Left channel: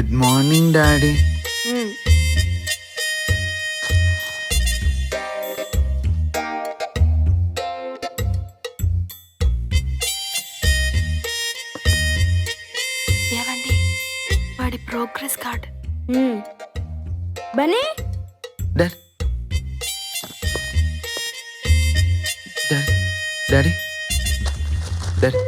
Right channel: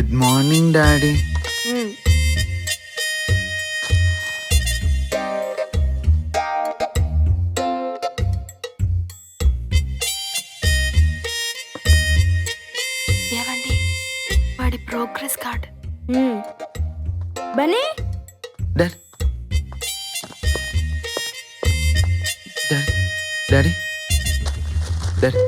Good morning daddy. ఏవండి వాడి progress card. Bunny daddy daddy daddy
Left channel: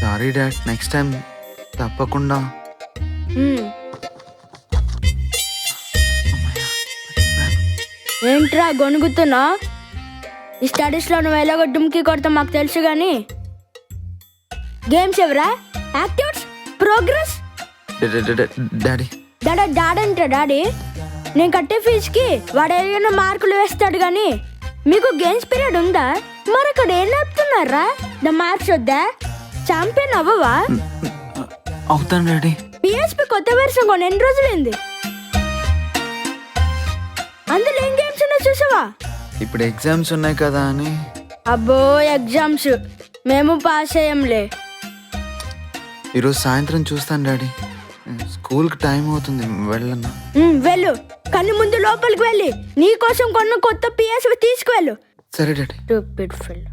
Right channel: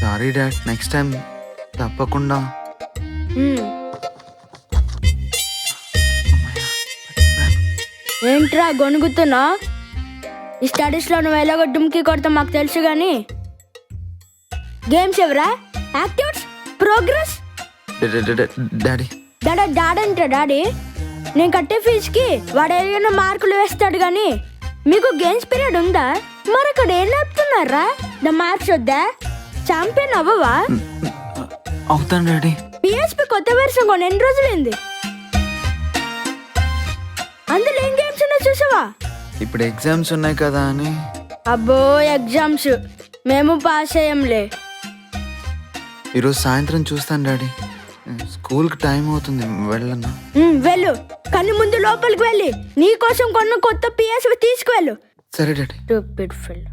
sorry dad, next time తప్పకుండా. ఏంట్రా గొనుగుతున్నా? ఈ స్టడీస్లో నువ్వు ఎలాగో డుమ్కి కొడతా మాకు తెలుసు కానీ గేమ్స్ ఎవరా? Activities, progress. డాడీ డాడంటే డాడీ నేను కట్టే ఫీజుకి వాడు ఏదైనా మార్కులు వేస్తాడు కానీ మీకు గేమ్స్ పీరియడ్ ఉందా? మరి అక్కడ ఏం నేర్పుతున్నారా? ద మార్క్స్ వద్దా? ఛాంపియన్ అవ్వవా? అవుతాను డాడీ. పిఎస్పి కొత్త వెర్షన్ కొని ఎన్ని రోజులైంది? అందులో ఏం గేమ్స్ ఉన్నా చూసావా? ఇప్పుడు ఎగ్జామ్స్ ఉన్నాయి కదా అని. అబ్బో ఎగ్జామ్స్ మేము పాస్ అయ్యంలే. ఈరోజు సాయంత్రం చూస్తాను డాడీ. స్కూల్కి టైం అవుతుంది, వెళ్ళన్నా? వెళ్ళు, కానీ ముందు లోపలికి వెళ్ళి నీ కోసం కొన్న కొత్త పిఎస్పి తీసుకువెళ్ళు. సరే daddy. Stupid fellow.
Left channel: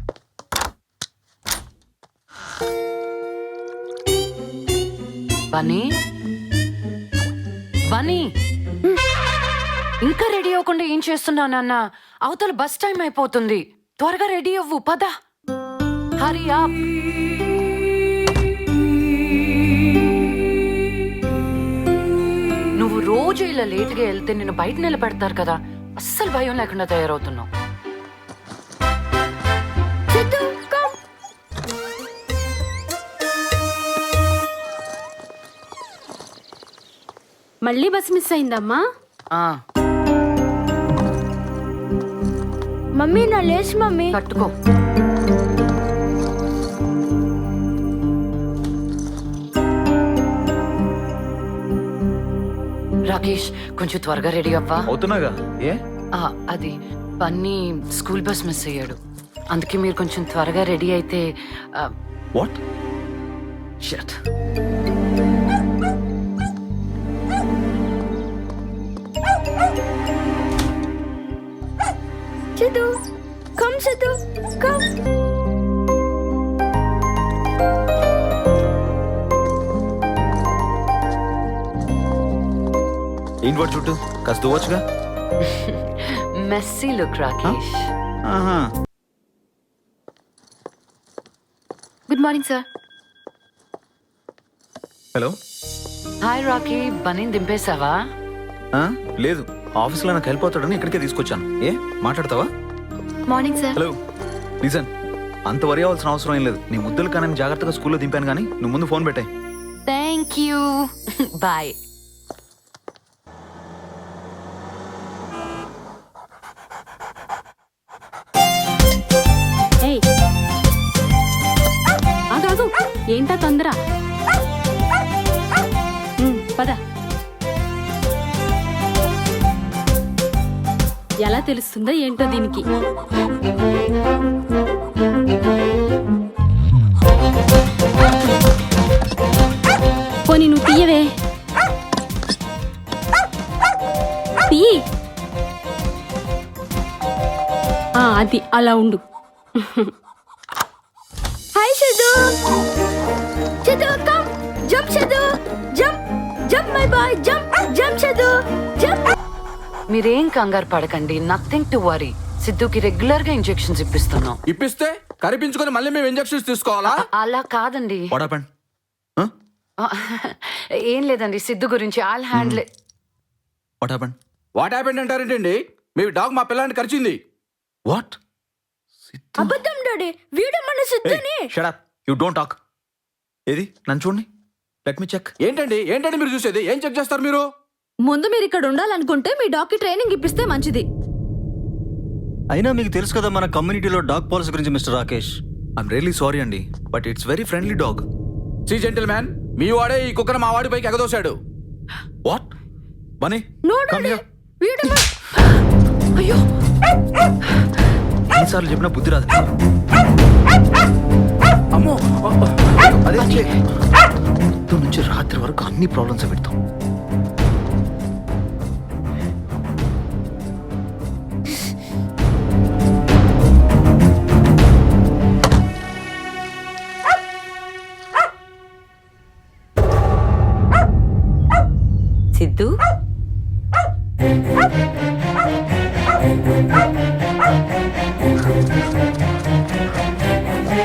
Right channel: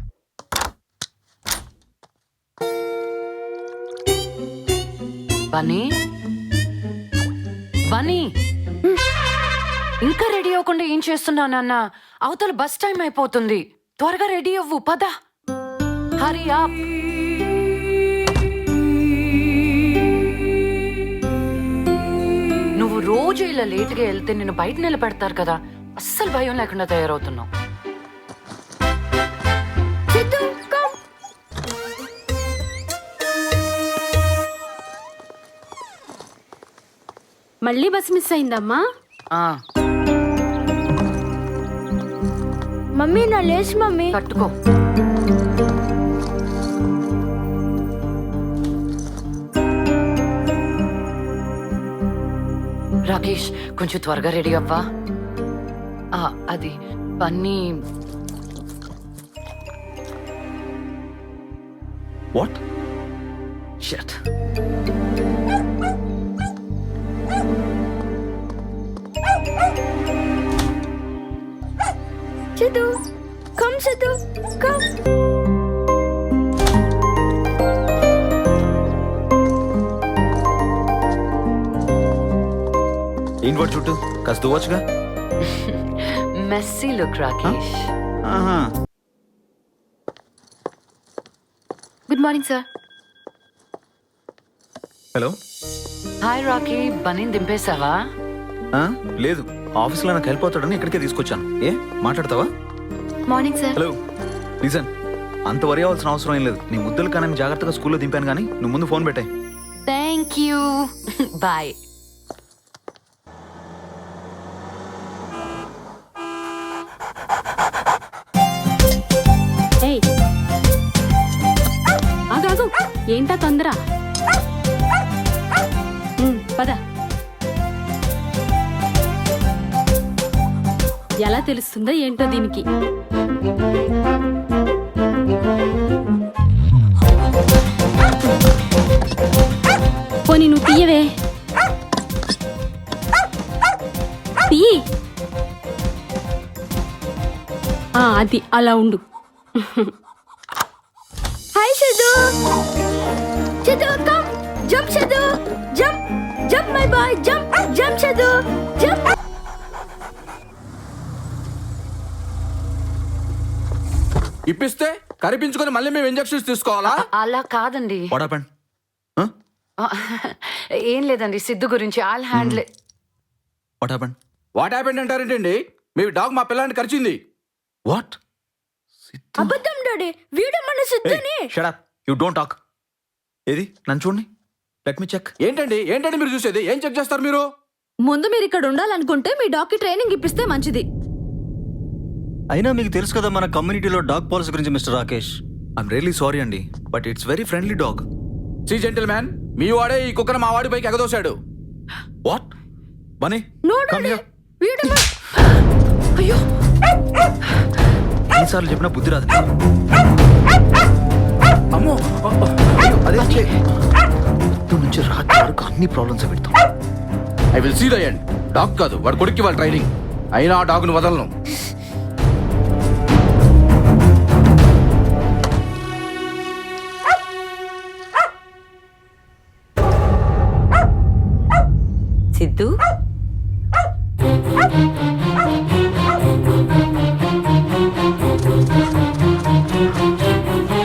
Bunny Bunny ఇంకా రెడీ అవ్వకుండా ఏం చేస్తున్నావు నాన్న? అవతల బస్ టైం అయిపోతుంది. త్వరగా రెడీ అవ్వు, పద. హరి అప్. నువ్వు రోజు ఇలా లేట్గా వెళ్తే నిన్ను బయట నిలబెడతారు కదా. అస్సలు భయం లేకుండా తయారవుతున్నావు. సిద్ధు, come. మళ్ళీ బస్ మిస్ అయిందమ్మా. మమ్మీ నా లేచి మమ్మీ. కట్టుకో. రాకేష్, కొంచెం త్వరగా రెడీ అవ్వా. అవుతున్నాగా. ఏ అది బన్నీ స్కూల్ బస్ మిస్ అయ్యాడు. అందుకే మీరు కొంచెం త్వరగా రెడీ అయితే. What shut. Siddhu, come Siddhu, come. ఏంటి వాడు చుట్టూ కాస్త దువ్వచ్చుగా. Messy look Rakesh. Good morning sir. Hello. Hi Rocky, బన్నీని దింపేశావా? లేదు, ఆఫీస్లో నాకు హెల్ప్ అవుతాడని ఇక్కడికే తీసుకొచ్చాను. ఏ మాట్లాడతావా? Morning sir. హలో లిజన్, అంత వరి అవ్వాల్సిన అవసరం ఏం లేదు. నీ ముద్దులు కానీ జాగ్రత్తగా స్కూల్లో దింపాను, కానీ నువ్వు ముందు ఫోన్ పెట్టాయి. Thank you. బాయ్. ఏయ్ ఆగాగు, ఏంటా తొందర? పద. ఎలా తెలుస్తుందో ఏంటో దీనికి. పోనీ నువ్వు తీయవే. తీయి. అది అలా ఉండు. Hi Siddhu. Siddhu, come. Jump Siddhu, jump. Jump my boy, jump. Jump Siddhu, jump. మీరేం కంగారు పడకండి. Nothing to worry. సిద్ధుకి రెగ్యులర్ గా ఇంజెక్షన్స్ ఇప్పిస్తున్నాం. ఇప్పిస్తే కరిపించుకొని మళ్ళీ మేము ఇంజెక్షన్స్ తీసుకోవాలా? అలా కాదండి. What happened? ఏం లేదండి, సిద్ధు గురించి. All handle. What happened? What happened అంటారేంటండి? మీ డాగ్ మా పిల్లాన్ని కరిచింది. వాట్? అబద్ధం డాడీ, వీడు మన సిద్ధుని. Shut up, you don't talk. ఏది నన్ను చూడండి, లెట్ మీ చెక్. ఏంటండి మీరు చూసేది? ఏం చెక్ చేస్తారు మీరు? ముందు మీరు ఇక్కడ ఉండాలనుకుంటే మీ డాగ్ కి ట్రైనింగ్ ఇప్పిస్తే మంచిది. అయినా మీకు తెలుసు కదా మన కమ్యూనిటీలో డాగ్ పాలసీ గురించి mister Rakesh. I'm really sorry అండి, but it's very friendly dog. See gentleman, మీ వాడే ఈ కుక్కను మా వాడి పైకి ఎగదోశాడు. What? Bunny No, come daddy. Here. వీడు అయ్యో, ఎన్నిసార్లు చెప్పినా బుద్ధి రాదు. అమ్మో అదే పొద్దు నుంచి రాత్రి వరకు అన్ని ప్రాబ్లమ్స్ పెడతాం. I will see the end. Dog కాదు, వాడు కొడుక్కి వాళ్ళ ట్రైనింగ్ అయినా ఆ డాగ్ను వదలను. సిద్ధు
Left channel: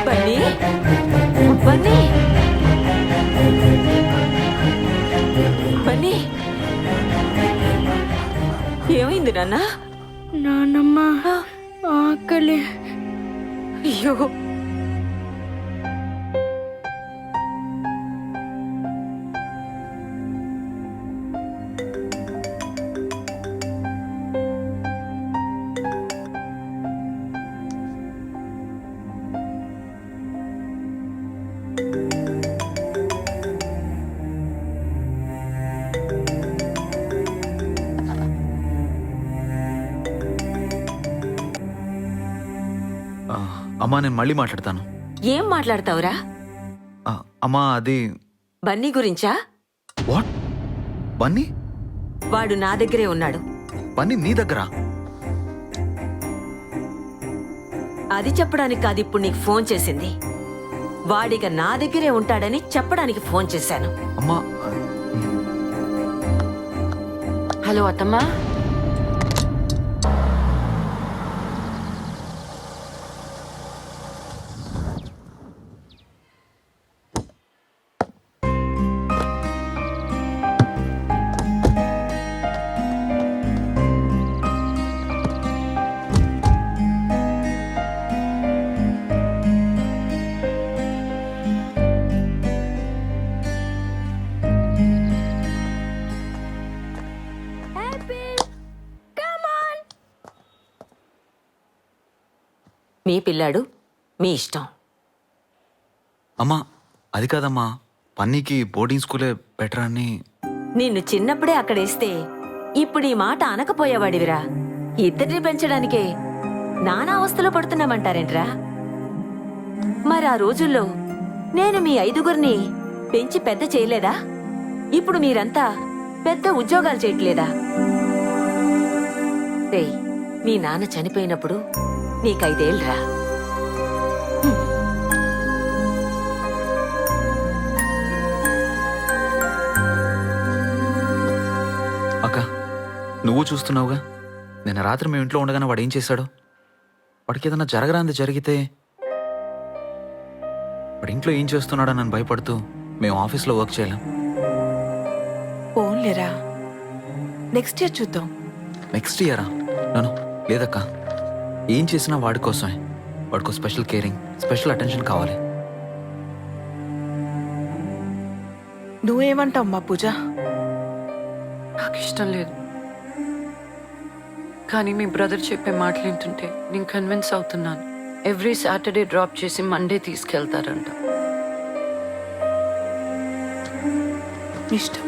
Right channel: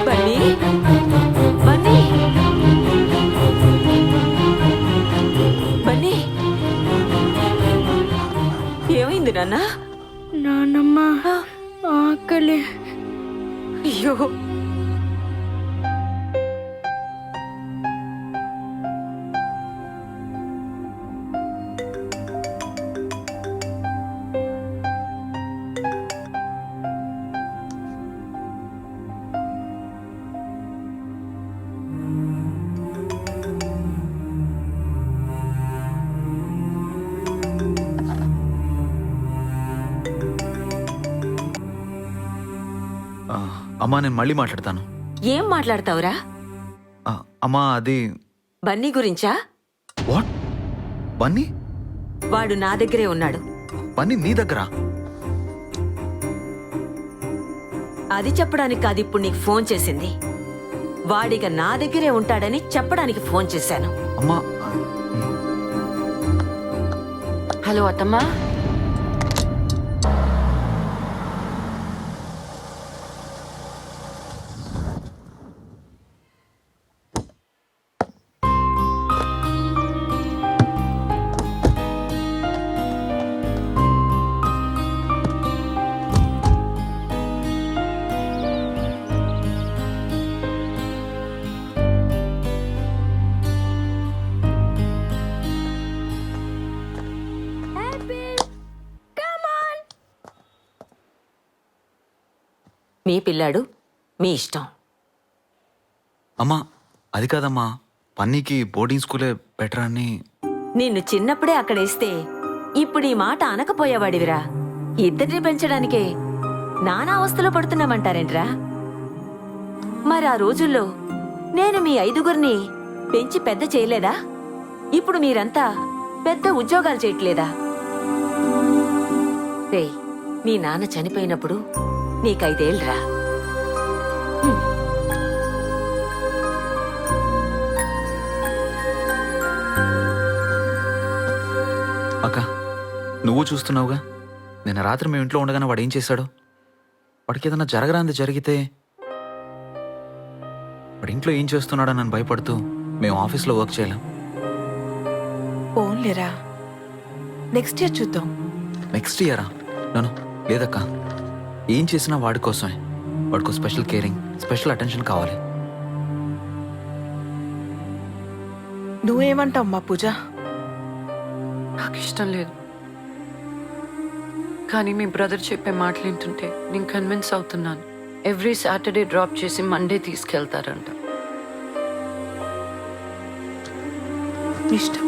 బన్నీ బన్నీ బన్నీ ఏమైంది నాన్న? నానమ్మ ఆకలి. అయ్యో అమ్మా నేను మళ్ళీ మాట్లాడతాను. ఏం మాట్లాడతావురా? అమ్మా అది బన్నీ గురించా? వాట్? బన్నీ? వాడు నా దగ్గరే ఉన్నాడు. బన్నీ నీ దగ్గర? అది చెప్పడానికి కాదు ఇప్పుడు నీకు ఫోన్ చేసింది. వాడిక నా దగ్గరే ఉంటాడని చెప్పడానికి ఫోన్ చేశాను. అమ్మా హలో అత్తమ్మా. మీ పిల్లాడు మీ ఇష్టం. అమ్మా అది కాదమ్మా, పన్నీకి బోర్డింగ్ స్కూలే బెటర్ అని. నిన్ను చిన్నప్పుడే అక్కడేస్తే ఇప్పుడు ఈ మాట అనకపోయేవాడివిరా. ఇద్దరిని పెంచడానికే నానా అవస్థలో పడుతున్నామంటారేంట్రా? మరి ఆ రోజుల్లో నేను మీ 5గురిని పెంచి పెద్ద చేయలేదా? ఇప్పుడు మీరంతా పెద్ద ఉద్యోగాలు చేయట్లేదా? రేయ్, మీ నాన్న చనిపోయినప్పుడు నీకు 5 ఏళ్లరా. అక్క నువ్వు చూస్తున్నావుగా, నిన్న రాత్రి మేము ఇంట్లో ఉండగానే వాడు ఏం చేశాడు? వాడికి ఏదైనా జరగరాంది జరిగితే వాడు ఇంట్లో ఏం చేస్తున్నాడని నన్ను భయపడుతూ మేము ఆఫీస్లో వర్క్ చేయలేం. ఓన్లేరా, నెక్స్ట్ ఇయర్ చూద్దాం. నెక్స్ట్ ఇయరా? నన్ను లేదక్క, ఏం చేసినా వాడి కోసమే. వాడికో స్పెషల్ కేరింగ్, స్పెషల్ అటెన్షన్ కావాలి. నువ్వేమంటావు మా పూజ? నాకు ఇష్టం లేదు, కానీ మీ బ్రదర్ చెప్పే మాటలు వింటుంటే నేను కన్విన్స్ అవుతున్నాను. ఎవ్రీ సాటర్డే డ్రాప్ చేసి మండే తీసుకెళ్తారంట. ఇష్టం.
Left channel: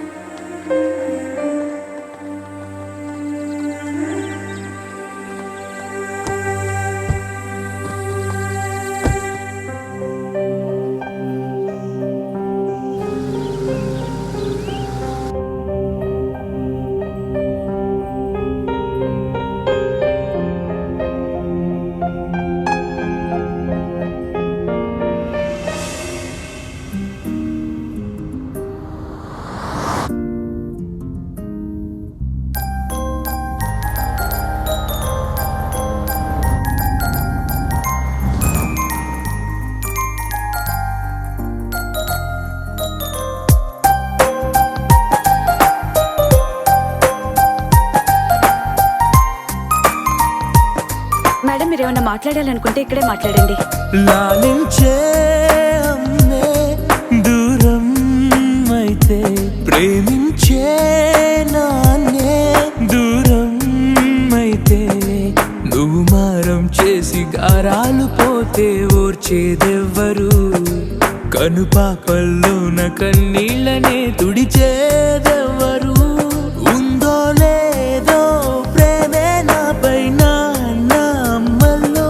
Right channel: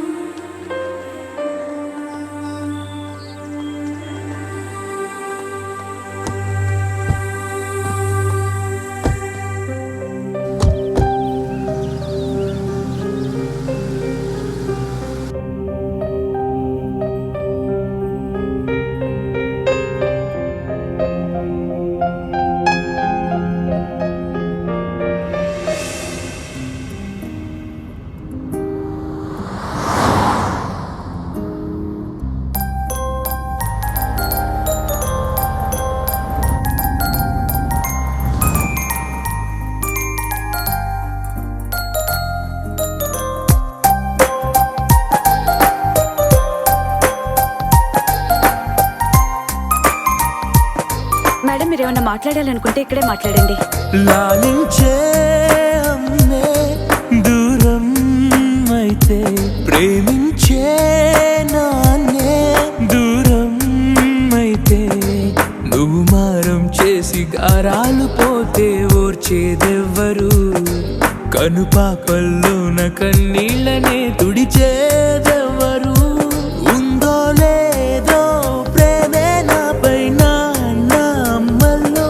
మేడం, మీరు ఏమైనా మాట్లాడాలనుకుంటే ఇక్కడే మాట్లాడండి. లాలించే అమ్మే దూరం అయితే, ప్రేమించే నాన్నే దూరం అయితే, నువ్వు మారం చేసి గారాలు పోతే ఓర్చేదెవ్వరు? కనుపాపల్లోన కన్నీళ్ళనే తుడిచేదెవ్వరు? ఉందో లేదో ప్రేమే నాపై నా అమ్మల్లో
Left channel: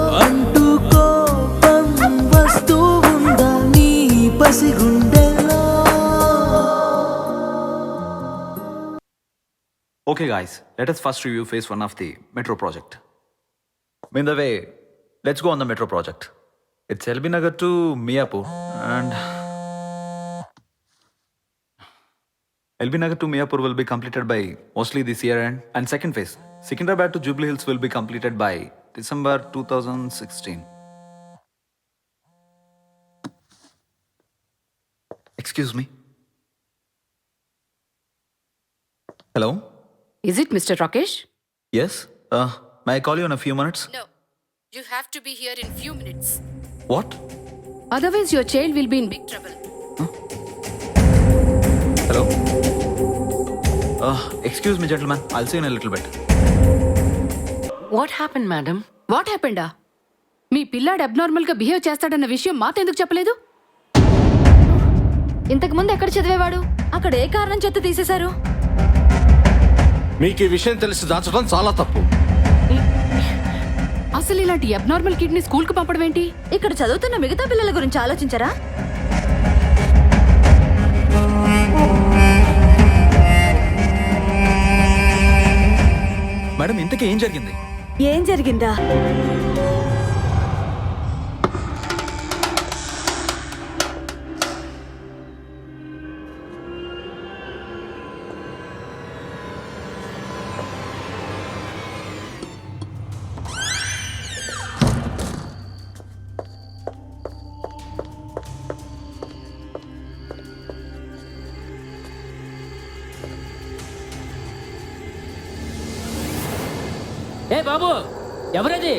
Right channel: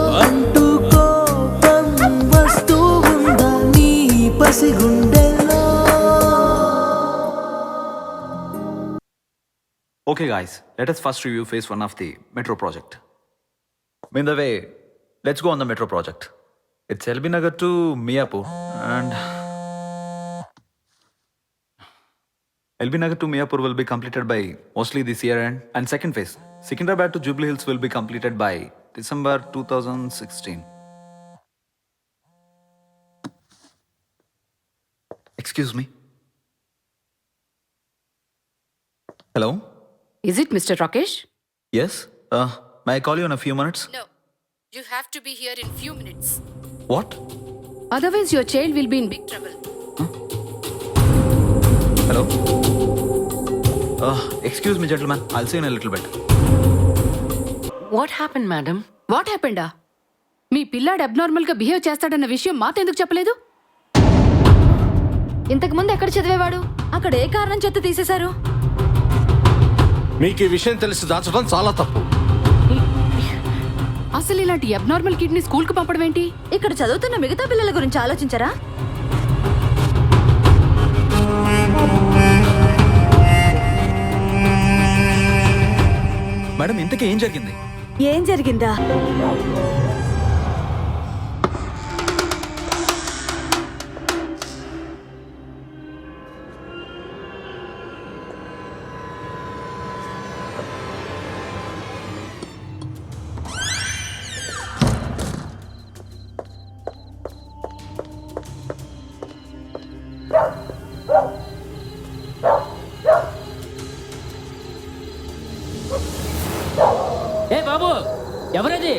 Okay, guys, let us first review phase 1 of the metro project. In the way, let's go on the metro project. It's LB Nagar to Miapur and LB Nagar to Miapur will be completed by mostly this year end. And second phase, Secunderabad to Jubilee Hills will be completed by December 2016. Excuse me. Hello? Is it Mr. Rakesh? Yes? May I call you in a few minutes? No. You have to be here in few minutes. What? Otherwise your child will be in big trouble. Hello? Excuse me, gentlemen. I'll see you in a little bit. What happen madam? What హ్యాపెండా? మీ పిల్లాడు abnormal గా behave చేస్తాడన్న విషయం మాతో ఎందుకు చెప్పలేదు? ఇంతకు ముందు ఎక్కడ చదివేవాడు? అక్కడ ఏ కారణం చేత తీసేశారు? మీకు ఈ విషయం తెలిసి దాచడం చాలా తప్పు. అసలు ఇలాంటి అబ్నార్మల్ కిడ్ ని స్కూల్ కు పంపడం ఏంటి? ఇక్కడ చదువుతున్న మిగతా పిల్లల గురించి ఆలోచించరా? మేడం, ఇంతకీ ఏం జరిగింది? ఏం జరిగిందా? ఏ బాబు, ఎవరది?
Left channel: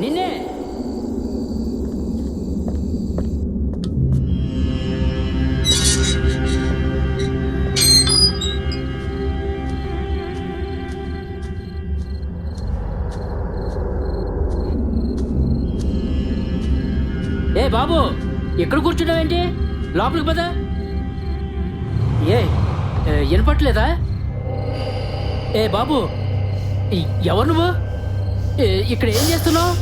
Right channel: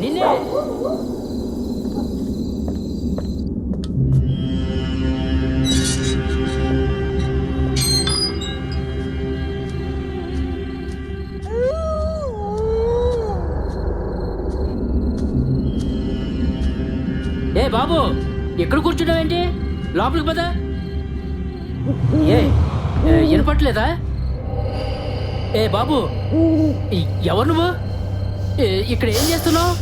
నిన్నే. ఏ బాబు, ఎక్కడ కూర్చున్నావేంటి? లోపలికి పద. వినపట్లేదా? ఏ బాబు, ఎవరు నువ్వు? ఇక్కడ ఏం చేస్తున్నావు?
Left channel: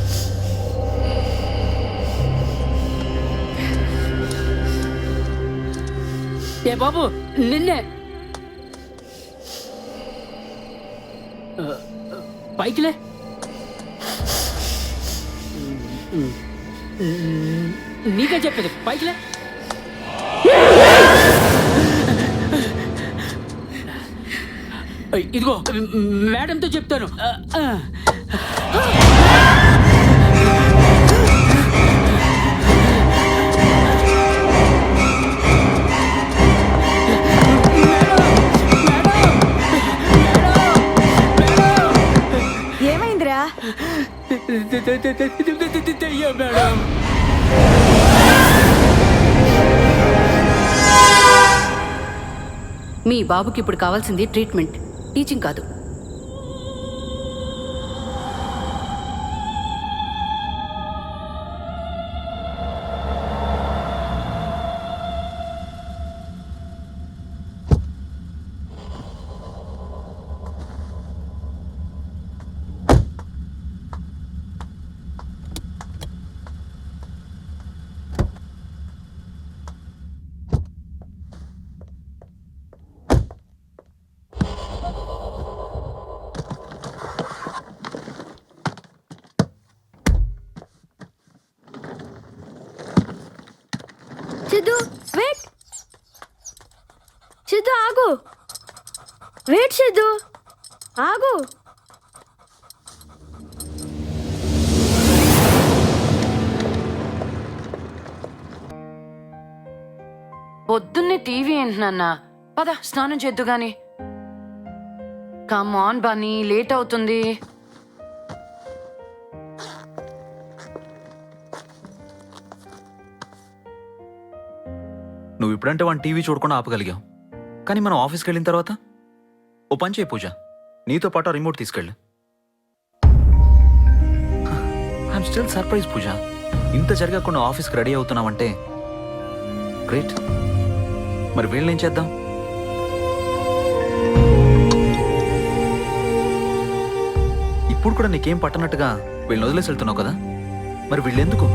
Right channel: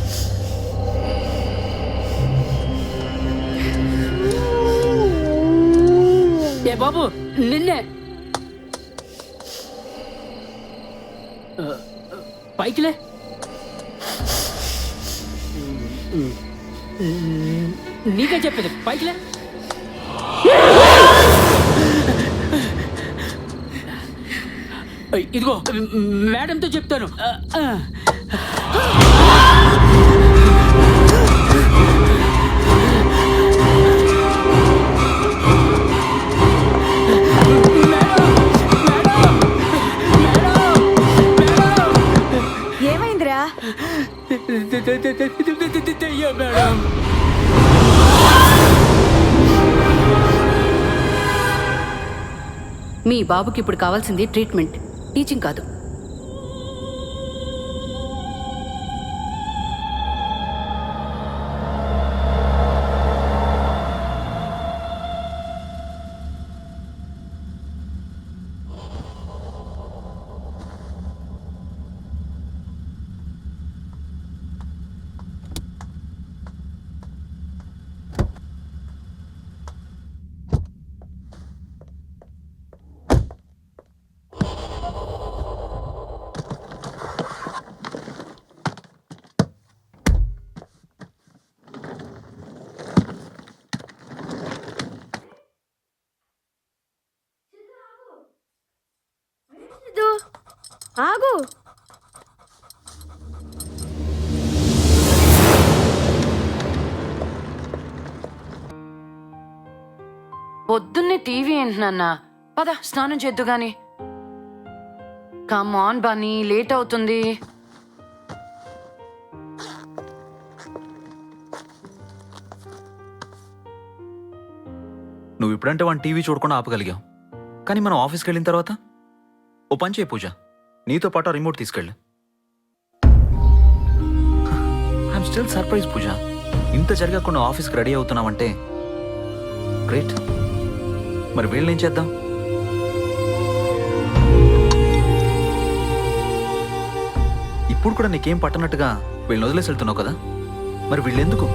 ఏ బాబు, నిన్నే. పైకిలే. నీకే చెప్పేది, పైకిలే. ఇదిగో మేడంతో చెప్తాను. ఏమైందిరా? మేడం, మీ బాబుకి ఇప్పుడు కావాల్సింది ట్రీట్మెంట్, టీచింగ్ కాదు. సిద్ధు వెయిట్. సిద్ధు ఆగు. వెయిట్ సిద్ధు ఆగు. పొద్దున్నే టీవీ ఏంటి నాన్న? పద స్నానం చేద్దు గాని. కమ్ ఆన్ బన్నీ, లేట్ అవుతుంది. నువ్వు ఇప్పుడంటే వాడిని టీవీ చూడకుండా ఆపగలిగావు, కానీ మనం ఆఫీస్కి వెళ్ళిన తర్వాత ఓ పని చేయి పూజ, నీతో పాటు రిమోట్ తీసుకెళ్ళు. ఐఎమ్ స్టిల్ సర్ప్రైజ్ పూజ, ఇంత జరగకుండా ఆఫీస్కి రెడీ అవుతున్నావంటే గ్రేట్. మరి వీళ్ళని ఏం చేద్దాం? ఇప్పుడు కూడా నీకేం పట్టనట్టుగా వీళ్ళని వదిలేసి వెళ్తున్నావు కదా, మరి వీళ్ళెందుకు?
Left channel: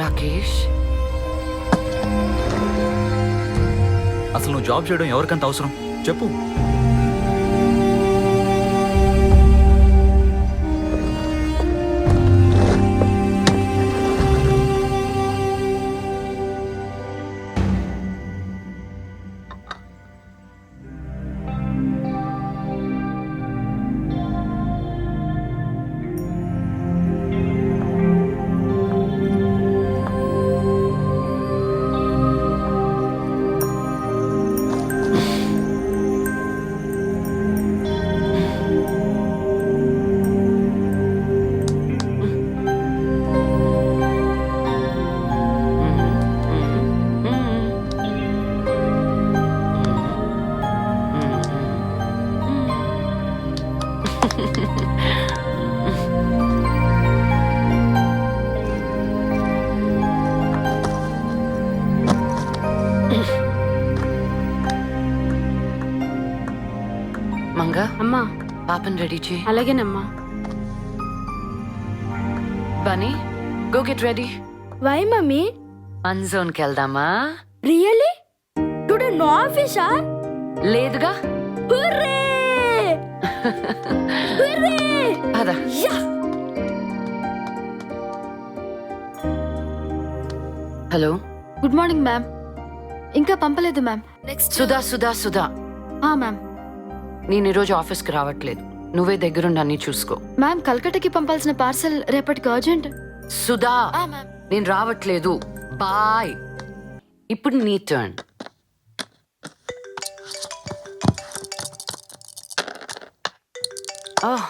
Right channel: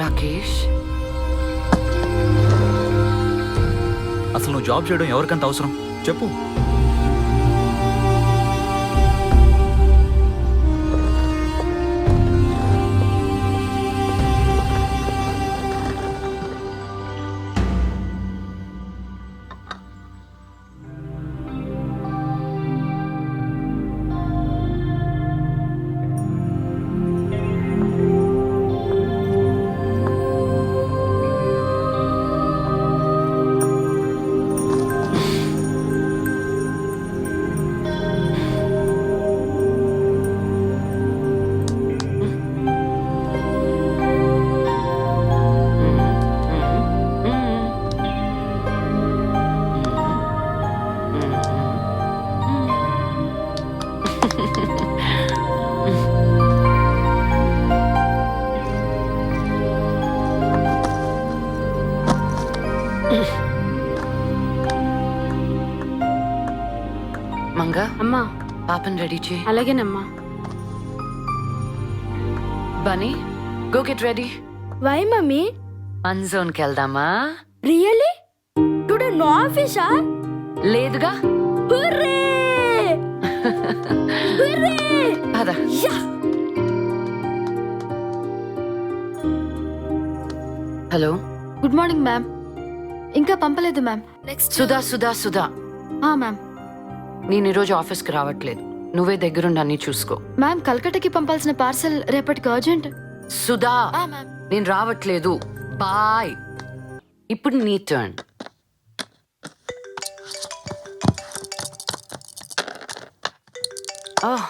రాకేష్, అసలు నువ్వు జాబ్ చేయడం ఎవరికంత అవసరం చెప్పు. మంగా అమ్మా పాపని రెడీ చేయి. అలాగేనమ్మా. Bunny go get ready. Why mummy? One జోన్కి వెళ్దామా? రియలీ? టుడే నో ఆఫీసా? లేదుగా. హుర్రే! హుర్రే! అదా yeah! Hello good morning ma'am. ఇంకా పంపలేదు మ్యామ్. Next Sudha ma'am. నేను ఈరోజు ఆఫీస్కి రావట్లేదు. నువ్వే దగ్గరుండి అన్ని చూసుకో. మ్యామ్ కల్కటాకి పంపాల్సిన పార్సల్ రేపటికి అర్జెంట్. సుధా మ్యామ్. నేను రావట్లేదు. బాయ్. ఇప్పుడు నీ turn. Oh.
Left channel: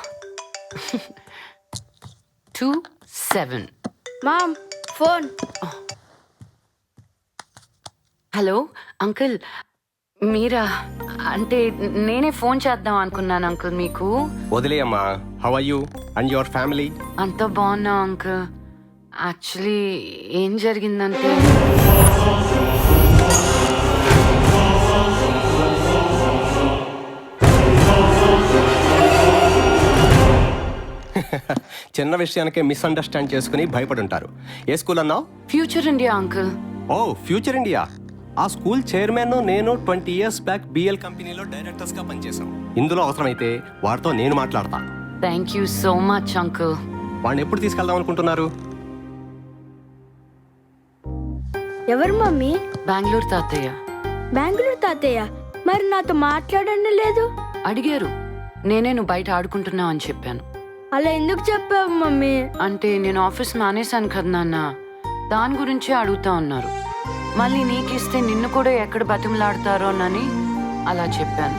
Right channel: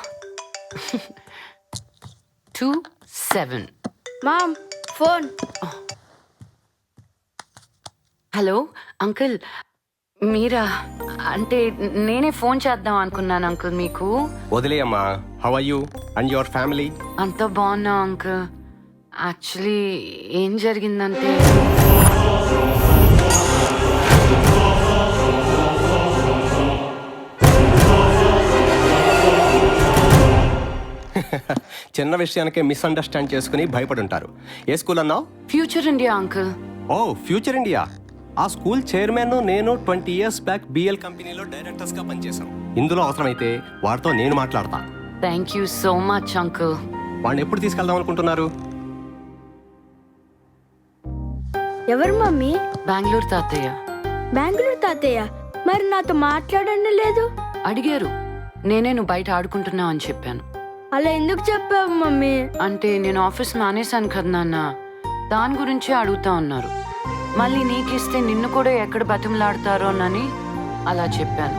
27. Mom phone. Hello uncle, మీరా? అంటే నేనే ఫోన్ చేద్దాం అనుకున్నాను అంకుల్ మీకు. వదిలేయమ్మా. How are you and your family? అంత బాగున్నా అంకుల్. యాక్చువల్లీ ఏం జరిగిందంటే చిన్న విషయానికే మిస్అండర్స్టాండ్ చేసుకుని భయపడుంటారు. ఏ స్కూల్ అన్నావు? Future India uncle. Oh future India. ఆ స్కూల్ చైర్మన్ నేను 20 years బ్యాక్ బిఎల్ కంపెనీలో డైరెక్టర్స్ గా పనిచేశాం. ఇందులో అవసరమైతే వాడితో నేను మాట్లాడతా. Thank you so much uncle. వాడిని ఎప్పుడు తీసుకెళ్దాం అనుకుంటున్నారు? ఎవరు మమ్మీ? బెంగళూరు తాతయ్య. బెంగళూరు తాతయ్య? మరి నాతో మాట్లాడనే లేదు. అడిగారు. నేనే నువ్వు బయట ఆడుకుంటున్నావు అని చెప్పాను. అలా ఎందుకు చెప్పావు మమ్మీ? అంటే నేను ఆఫీస్ మానేశాను కదా నాన్న, దాని గురించే అడుగుతా ఉన్నారు. మళ్ళీ నీకిస్తే నిన్ను కూడా ఎక్కడ బతిమలాడతారోనని అలా చెప్పాను.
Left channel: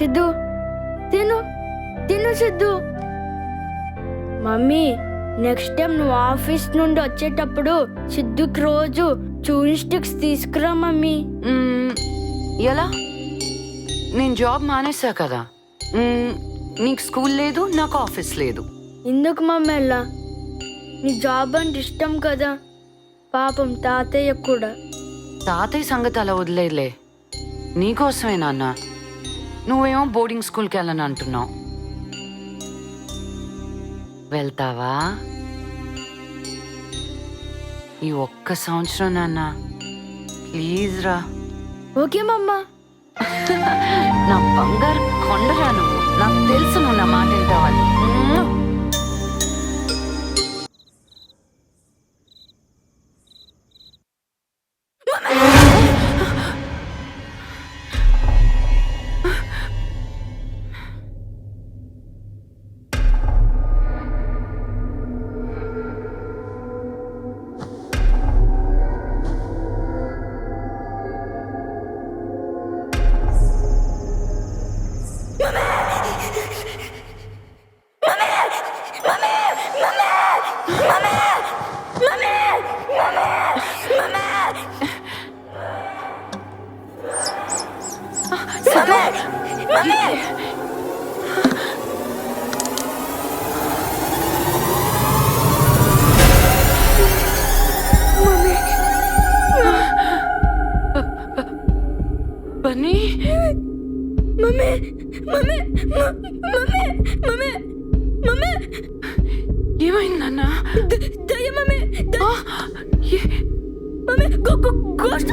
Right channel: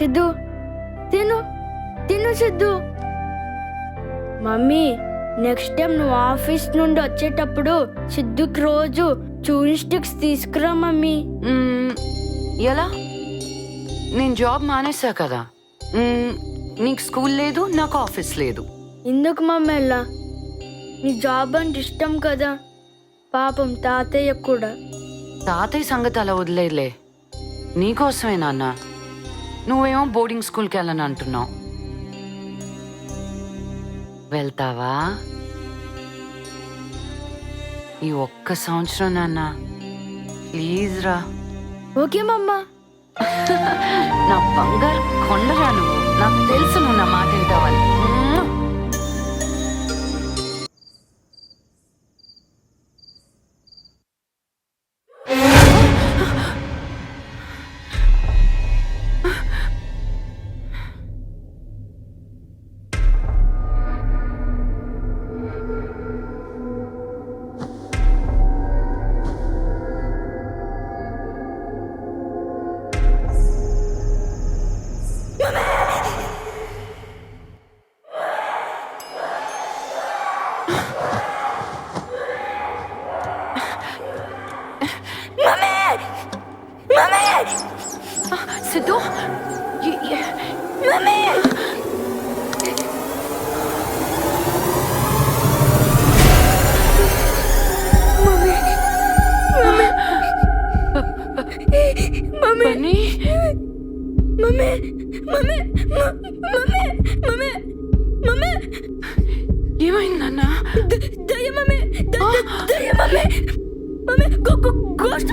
సిద్ధు తిను తిను సిద్ధు. మమ్మీ నెక్స్ట్ టైం నువ్వు ఆఫీస్ నుండి వచ్చేటప్పుడు సిద్ధుకి రోజు చూయింగ్ స్టిక్స్ తీసుకురా మమ్మీ. ఎలా? నేను జాబ్ మానేసా కదా. నీకు స్కూల్ లేదు, నాకు ఆఫీస్ లేదు. ఎందుకు మమ్మీ ఎలా? నీ జాబ్ అంటే ఇష్టం కదా. పాపం తాతయ్య కూడా. తాతయ్య సంగతి అలా వదిలేలే. నీకోసమే నాన్న. నువ్వేమో బోర్డింగ్ స్కూల్కి వెళ్ళని అంటున్నావు. వెళ్తావా? ఈ ఒక్క సంవత్సరం నాన్న, ప్లీజ్ రా. ఓకే మమ్మా. నా బంగారు కొండరా నువ్వు. నాకు తెలుసు నువ్వు నా మాట వింటావని. సిద్ధు, mummy mummy mummy mummy mummy mummy ఏమైందన్నా? దయ్య మమ్మీ దయ్య మమ్మీ మమ్మీ గోస్ట్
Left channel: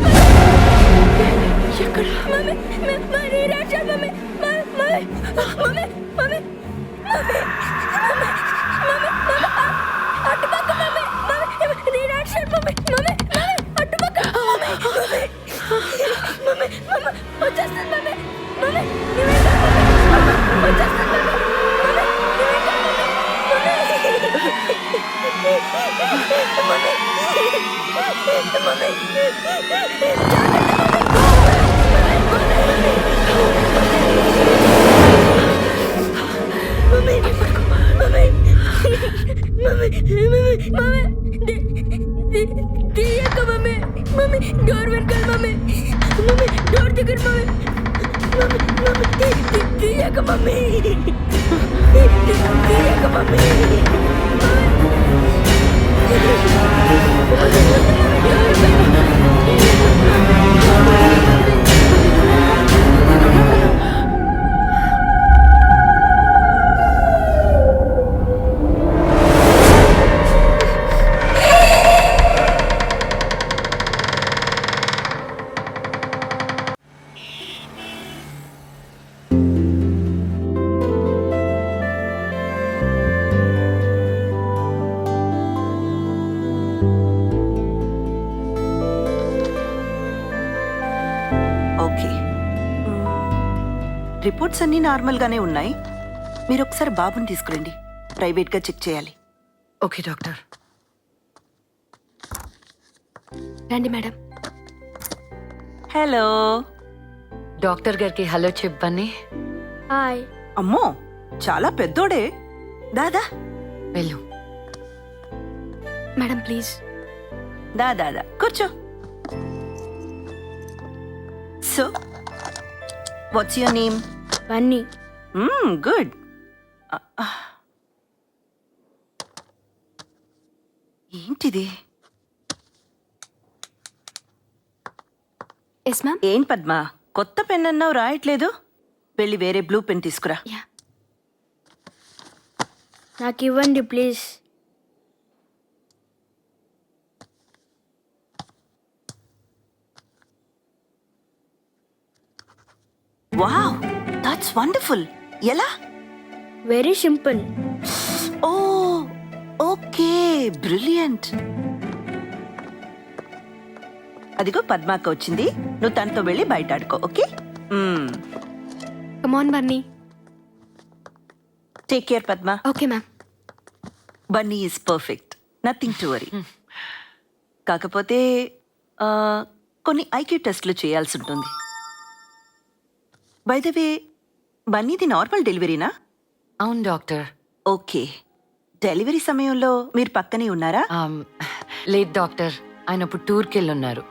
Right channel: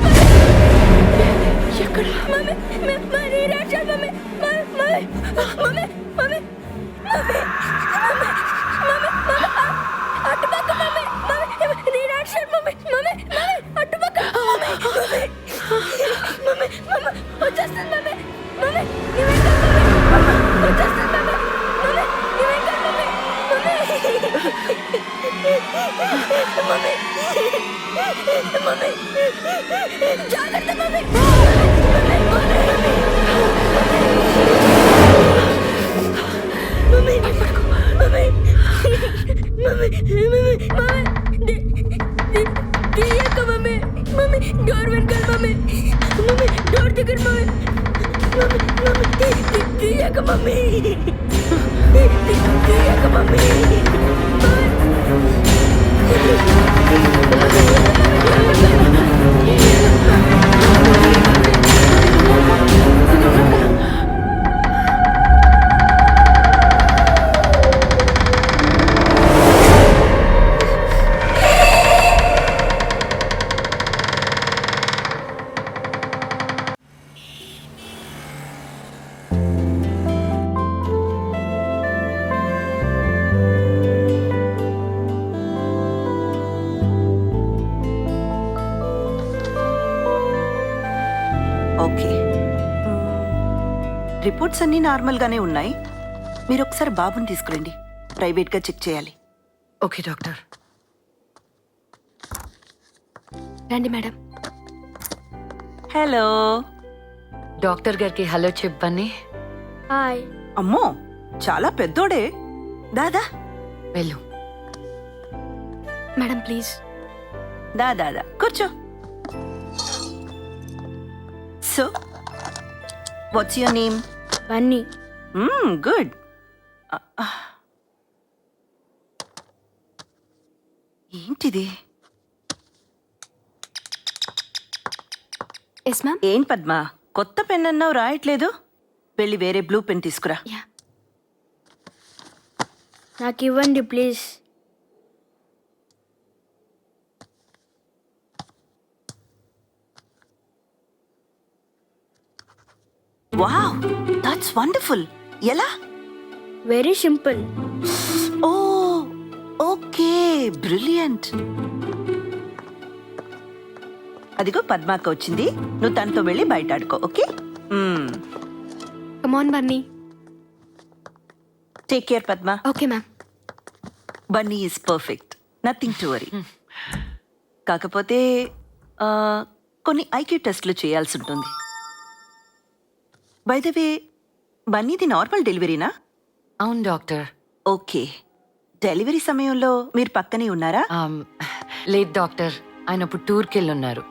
ఎక్కడ? మమ్మీ మమ్మీ రాజా mummy mummy mummy mummy mummy అటుపక్క మమ్మీ మమ్మీ రాజా మమ్మీ మమ్మీ అటుపక్క మమ్మీ మమ్మీ మమ్మీ వచ్చేస్తుంది మమ్మీ మమ్మీ నీవేంటా మమ్మీ వచ్చేస్తుంది మమ్మీ మమ్మీ నీవేంటా మమ్మీ మమ్మీ మమ్మీ జాగ్రత్త మమ్మీ మమ్మీ తీయక మమ్మీ మమ్మీ డోర్ వెనకాల మమ్మీ మమ్మీ డోర్ దగ్గర మమ్మీ మమ్మీ తీయక మమ్మీ తీయక మమ్మీ ఓకే, రిపోర్ట్స్ అన్నీ నార్మల్గానే ఉన్నాయి. మీరు ఒకసారి బాబుని తీసుకురండి, ప్రైవేట్గా చెక్ చేయాలి. Okay doctor. రండి మేడం. హలో. డాక్టర్ గారికి హలో చెప్పని. హాయ్. అమ్మో, చాలా పెద్దోడే. దాదా వెళ్ళు. Madam please. దాదా కూర్చో. So what's your name? Bunny. Good. ఏంటిది? Yes ma'am. ఏం పద్మ, కొత్త పెన్ అన్నావు రాయట్లేదు? వెళ్ళి వేరే బ్లూ పెన్ తీసుకురా. నాకు ఇవ్వండి ప్లీజ్. Wow, that's wonderful. ఎలా? Very simple. Oh okay, brilliant. అదిగో పద్మాక వచ్చింది, నువ్వు తనతో వెళ్ళి బయట ఆడుకో. Okay, come on Bunny. Take care Padma. Okay ma'am. Bunny is perfect, nothing to worry. కాకపోతే కొన్ని ఐక్యూ టెస్ట్లు చేయాల్సి ఉంటుంది. బై ద వే, బన్నీది నార్మల్ డెలివరీనా? అవును డాక్టర్. ఓకే, డెలివరీ సమయంలో మీరు పక్కనే ఉన్నారా? లేదు డాక్టర్, ఆయన ఇప్పుడు టూర్కి వెళ్ళున్నారు.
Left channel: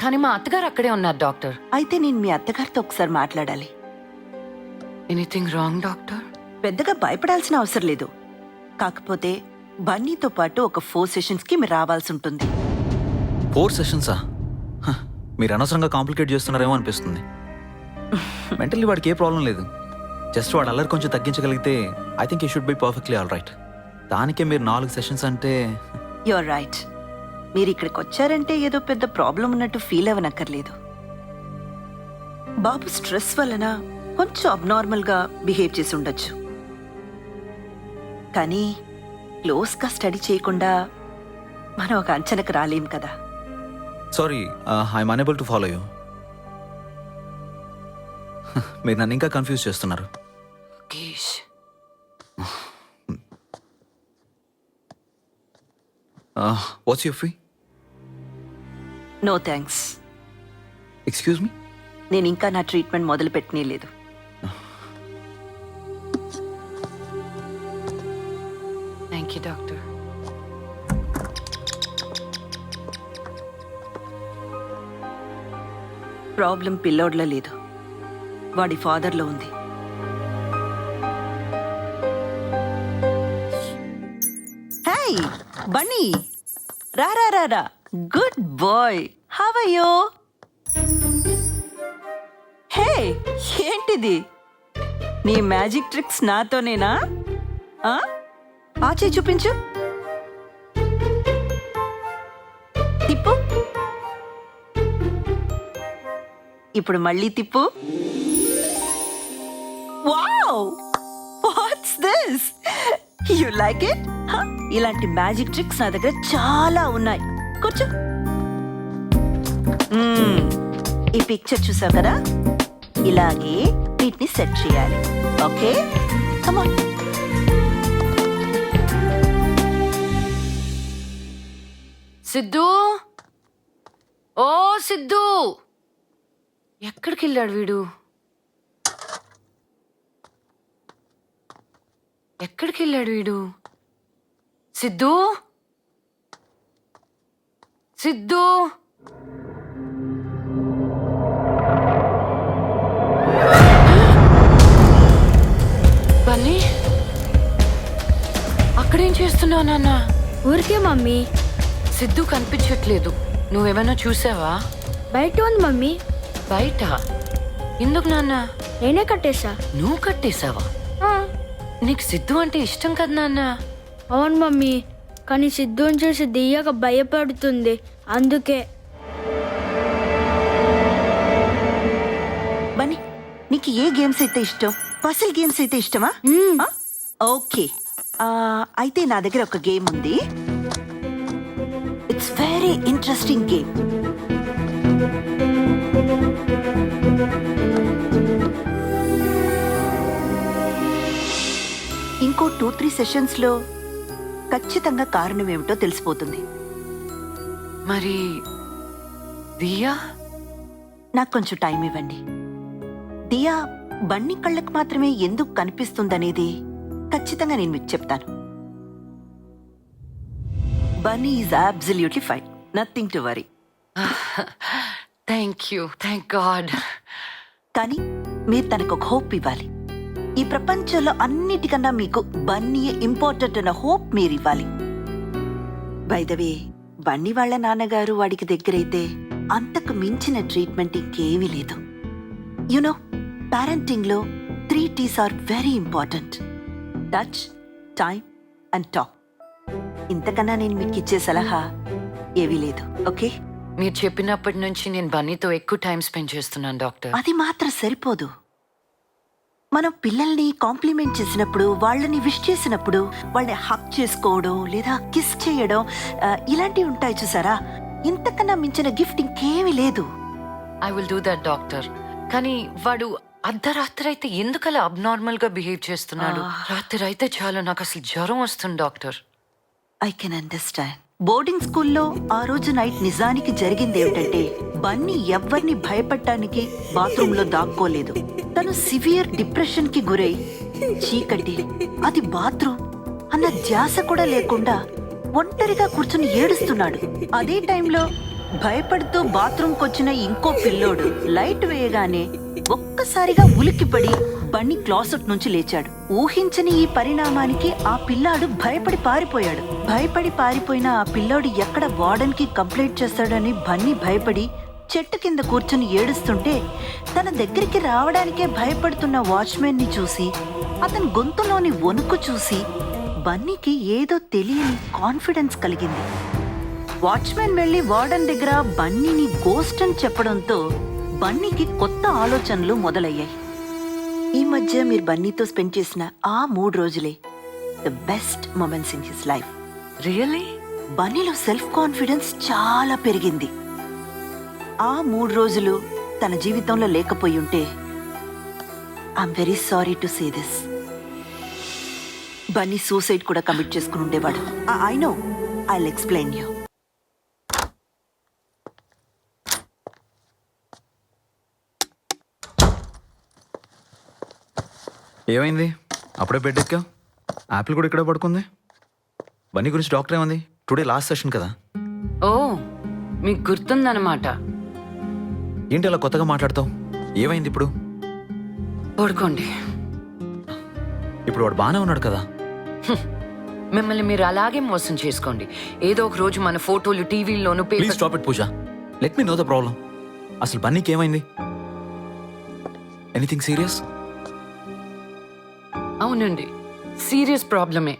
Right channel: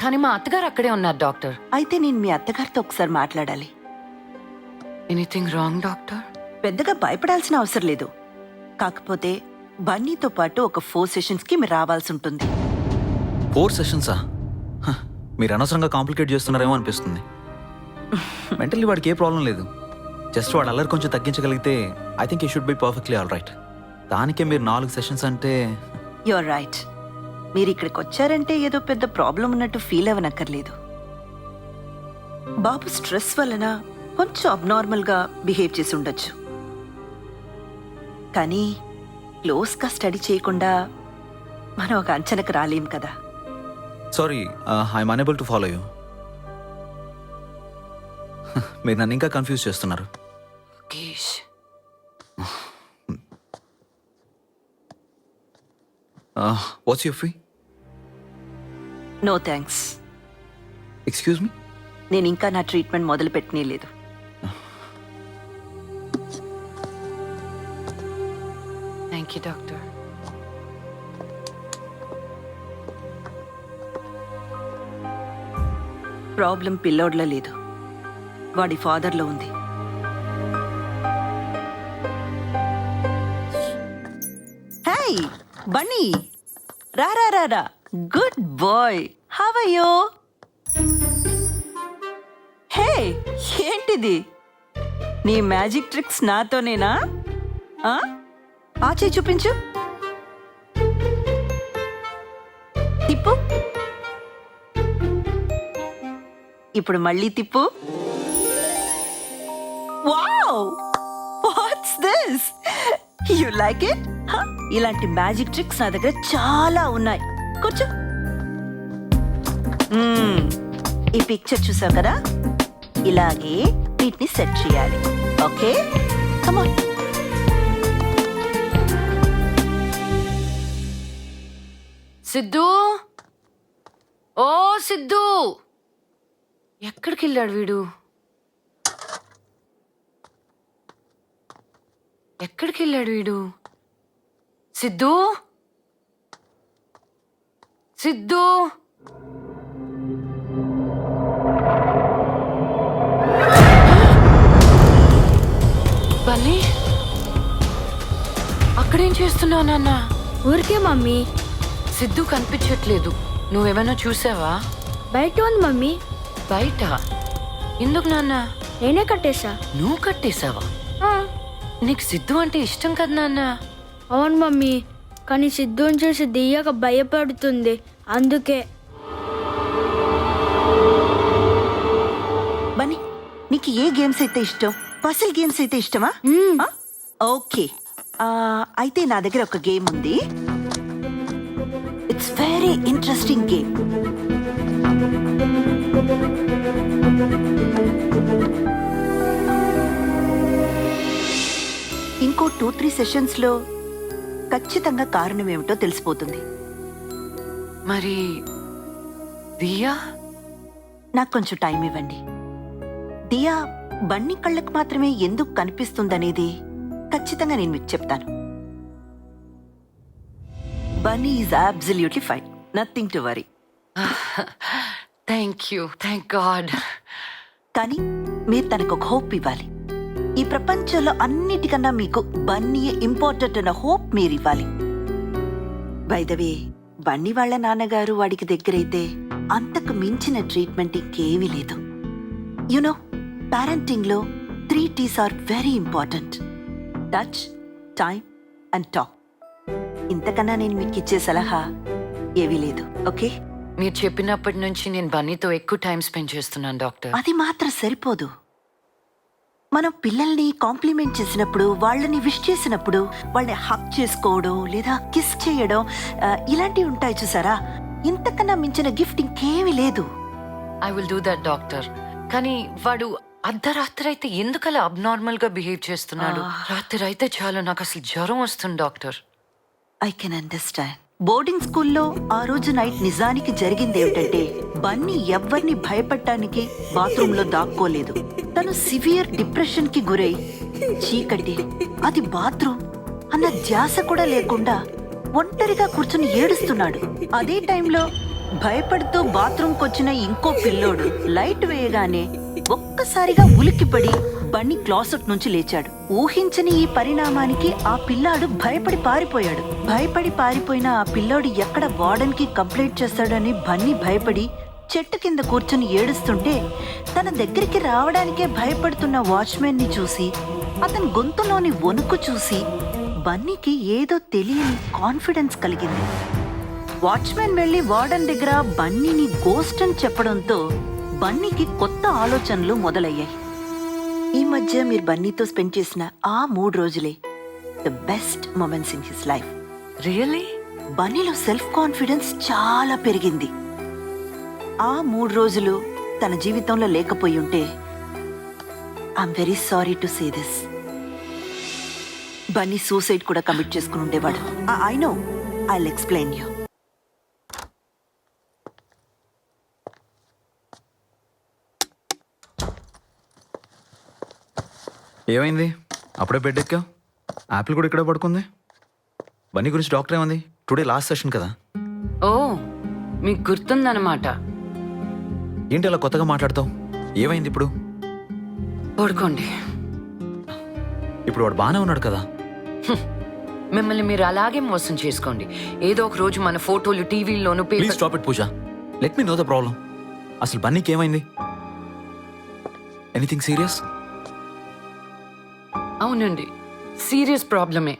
కానీ మా అత్తగారు అక్కడే ఉన్నారు డాక్టర్. అయితే నేను మీ అత్తగారితో ఒకసారి మాట్లాడాలి. Anything wrong doctor? పెద్దగా భయపడాల్సిన అవసరం లేదు. కాకపోతే బన్నీతో పాటు ఒక 4 సెషన్స్కి మీరు రావాల్సి ఉంటుంది. 4 సెషన్సా? మీరు అనవసరంగా కాంప్లికేట్ చేస్తున్నారేమో అనిపిస్తుంది. మెంటల్లీ వాడికి ఏ ప్రాబ్లం లేదు. జస్ట్ వాడు అల్లరి కొంచెం తగ్గించగలిగితే ఐ థింక్ ఈ should be perfectly all right. దానికే మీరు 4 సెషన్స్ అంటే. You're right. మీరు ఇక్కడికి వచ్చారంటే ఏదో పెద్ద ప్రాబ్లం ఉన్నట్టు ఫీల్ అవ్వనక్కర్లేదు. బాబు స్ట్రెస్ వలన కొంచెం అబ్నార్మల్గా బిహేవ్ చేసి ఉండొచ్చు. కానీ క్లోజ్గా స్టడీ చేయకుండా మనం ఒక అంచనకు రాలేం కదా. Sorry, I'm unable to follow you. మీరు నన్ను ఇంకా కన్ఫ్యూజ్ చేస్తున్నారు. What's your fee? No thanks. Excuse me? నేను ఇంకా నా ట్రీట్మెంట్ మొదలు పెట్టనే లేదు. Thank you doctor. ప్రాబ్లం పిల్లోడ్లో లేదు, వాడి ఫాదర్లో ఉంది. హే బన్నీ, రా రా రా రా. Good boy, how are you? Hey, ఏంటిది? నీ మ్యాజిక్ ట్రిక్స్ నాతోనేనా? ఆ చేయి చూపించు. తిప్పు. ఇప్పుడు మళ్ళీ తిప్పు. Wow, what's this? You like it? ఇలాంటి మ్యాజిక్ ట్రిక్స్ నా దగ్గర చాలా ఉన్నాయి. కూర్చో. ఈ పిక్చర్ చూసావు కదా, ఇలాగే వీటిని సెట్ చేయాలి. Okay, come on. సిద్ధు, ఓ సిద్ధు, ఎక్కడికి వెళ్ళాడు వీడు? ఎక్కడికి వెళ్ళాడు వీడు? సిద్ధు, సిద్ధు, బన్నీ, అక్కడేం చేస్తున్నావు నాన్న? ఊరికే మమ్మీ. సిద్ధు కనిపించట్లేదు. నువ్వేమైనా చూసావా? బయట ఉంది మమ్మీ. బయట? ఎందుకు నాన్న? నేనే కట్టేశా. నువ్వు కట్టేశావా? నీకు సిద్ధు అంటే ఇష్టం కదా నాన్న? అవును మమ్మీ, కానీ సిద్ధుని చూసి దియ్యగా భయపడుతుంది, అందుకే. బన్నీ, నీకు ఏ గేమ్స్ అయితే ఇష్టం? పసిల్ గేమ్స్ అయితే ఇష్టమా? ఓకే, అయితే నా దగ్గర ఒక గేమ్ ఉంది. It's very interesting game. ఇంకో 2-3 సెషన్స్ లో ఖచ్చితంగా కారణం ఏమిటో తెలిసిపోతుంది. మరి దియా? నాకు కొంచెం టైం ఇవ్వండి. దియా బన్నీ కళ్ళకు మాత్రమే ఎందుకు కనిపిస్తుందనేది ఖచ్చితంగా నేను మీకు చెప్తాను. Bunny is absolutely fine, nothing to worry. Thank you, thank God. కానీ మీరు తనకు ఒక హోప్ ఇవ్వాలి. ఈ ప్రపంచంలో అన్నిటికన్నా మీకు బన్నీ ఇంపార్టెంట్ అన్న హోప్ మీరు ఇవ్వాలి. బై ద వే, బన్నీ వాళ్ళ నాన్నగారు వాడికి దగ్గరైతే అంతకు మించిన ట్రీట్మెంట్ ఇంకేమీ లేదు. యునో, పేరెంటింగ్ లో 3 T's are very important: touch, time and talk. ఇంతకన్నా నేను మీకు ఇచ్చే సలహా ఏవీ లేదు. ఓకే, మీరు చెప్పినప్పటి నుంచి నేను బన్నీతో ఎక్కువ టైం స్పెండ్ చేస్తున్నాను డాక్టర్. అది మాత్రం సరిపోదు. మనం పిల్లల్ని కాంప్లిమెంట్ చేసినప్పుడు, వాళ్ళని విష్ చేసినప్పుడు, వాళ్ళని హక్ చేసుకోవడం లేదా కిస్ చేయడం, ఇలాంటివి ఉంటాయి చూసారా? ఇంతకన్నా మించిన గిఫ్ట్ ఇంకేమీ లేదు. I will do that doctor. కానీ వాడు అర్ధరాత్రి అయితే ఎందుకలా అబ్నార్మల్ గా బిహేవ్ చేస్తున్నాడు? రాత్రి అయితే చాలు నాకు అసలు జ్వరం వస్తుంది doctor. I can understand. Boarding స్కూల్లో ఆ రోజు నైట్ నిజానికి జరిగింది ఏమిటంటే, బన్నీ ఎవ్వరిని భయపడటానికి బాత్రూమ్ లో దాక్కోలేదు. తను సివియర్ డిప్రెషన్ కి గురై చీకటి, అది బాత్రూమ్ అన్న ధ్యాస కూడా లేకుండా ఒంటరిగా కూర్చుని ఏడుస్తున్నాడు. అదే టైంలో భయపడుతూ బాత్రూమ్కి వచ్చిన ఇంకో పిల్లోడు లైట్ వేయగానే ఒక్కసారిగా ఉలిక్కిపడి బన్నీ క్లాసెట్ నుంచి లేచాడు. ఊహించని ఈ పరిణామానికి ఆ పిల్లాడు భయపడి పారిపోయిన ఆ పిల్లాడు ఎక్కడ వార్డెన్ కి కంప్లైంట్ చేస్తాడని బన్నీ భయపడి చెట్టు కింద కూర్చుని ఏడుస్తుంటే, తన దగ్గరికి రావడానికే భయపడుతున్న వాచ్మెన్ ని చూసి, అతని గొంతులోని వణుకు చూసి బన్నీకి ఏదో తెలియని కాన్ఫిడెన్స్ కలిగింది. వాచ్మెన్ వెళ్లి వార్డెన్ దగ్గర బన్నీని గోస్ట్ అని చెప్పడంతో బన్నీకి కొత్త ఆలోచనలు మొదలయ్యాయి. ఈ మధ్య మీరు బన్నీతో స్పెండ్ చేసిన ఆ 3 రోజులే the best moments in his life. Really? బన్నీలో సెల్ఫ్ కాన్ఫిడెన్స్ చాలా పెరిగింది. ఆ 3 రోజులు తన జీవితంలో లేకపోయి ఉంటే, I'm very sorry to say this, Bunny suicide కూడా కమిట్ చేసుకుని ఉండేవాడు. I know, I'll explain you. ఏమైంది? అప్పుడే బెడ్ ఎక్కావు? యాపిల్ కూడా ఇక్కడే పడుకుంది. బన్నీ గురించి డాక్టర్ ఏమంది? టుడే లాస్ట్ సెషన్ కదా. ఓ, మీకు గుర్తుందన్నమాట. ఏంటి అలా కొత్తగా మాట్లాడతావు? ఏమైంది ఇప్పుడు? పడుకోండి. ఇప్పుడు వాడు బాగానే ఉన్నాడు కదా. మిమ్మల్ని మీరు అలాగే మోసం చేసుకోండి. ఏదో ఒక రోజు మన ఫోటోలు టీవీలోను please stop it Pooja. Let me know the problem. అసలు బన్నీకి ఏమైంది? Anything serious? అవునండి, సీరియస్ ప్రాబ్లమే.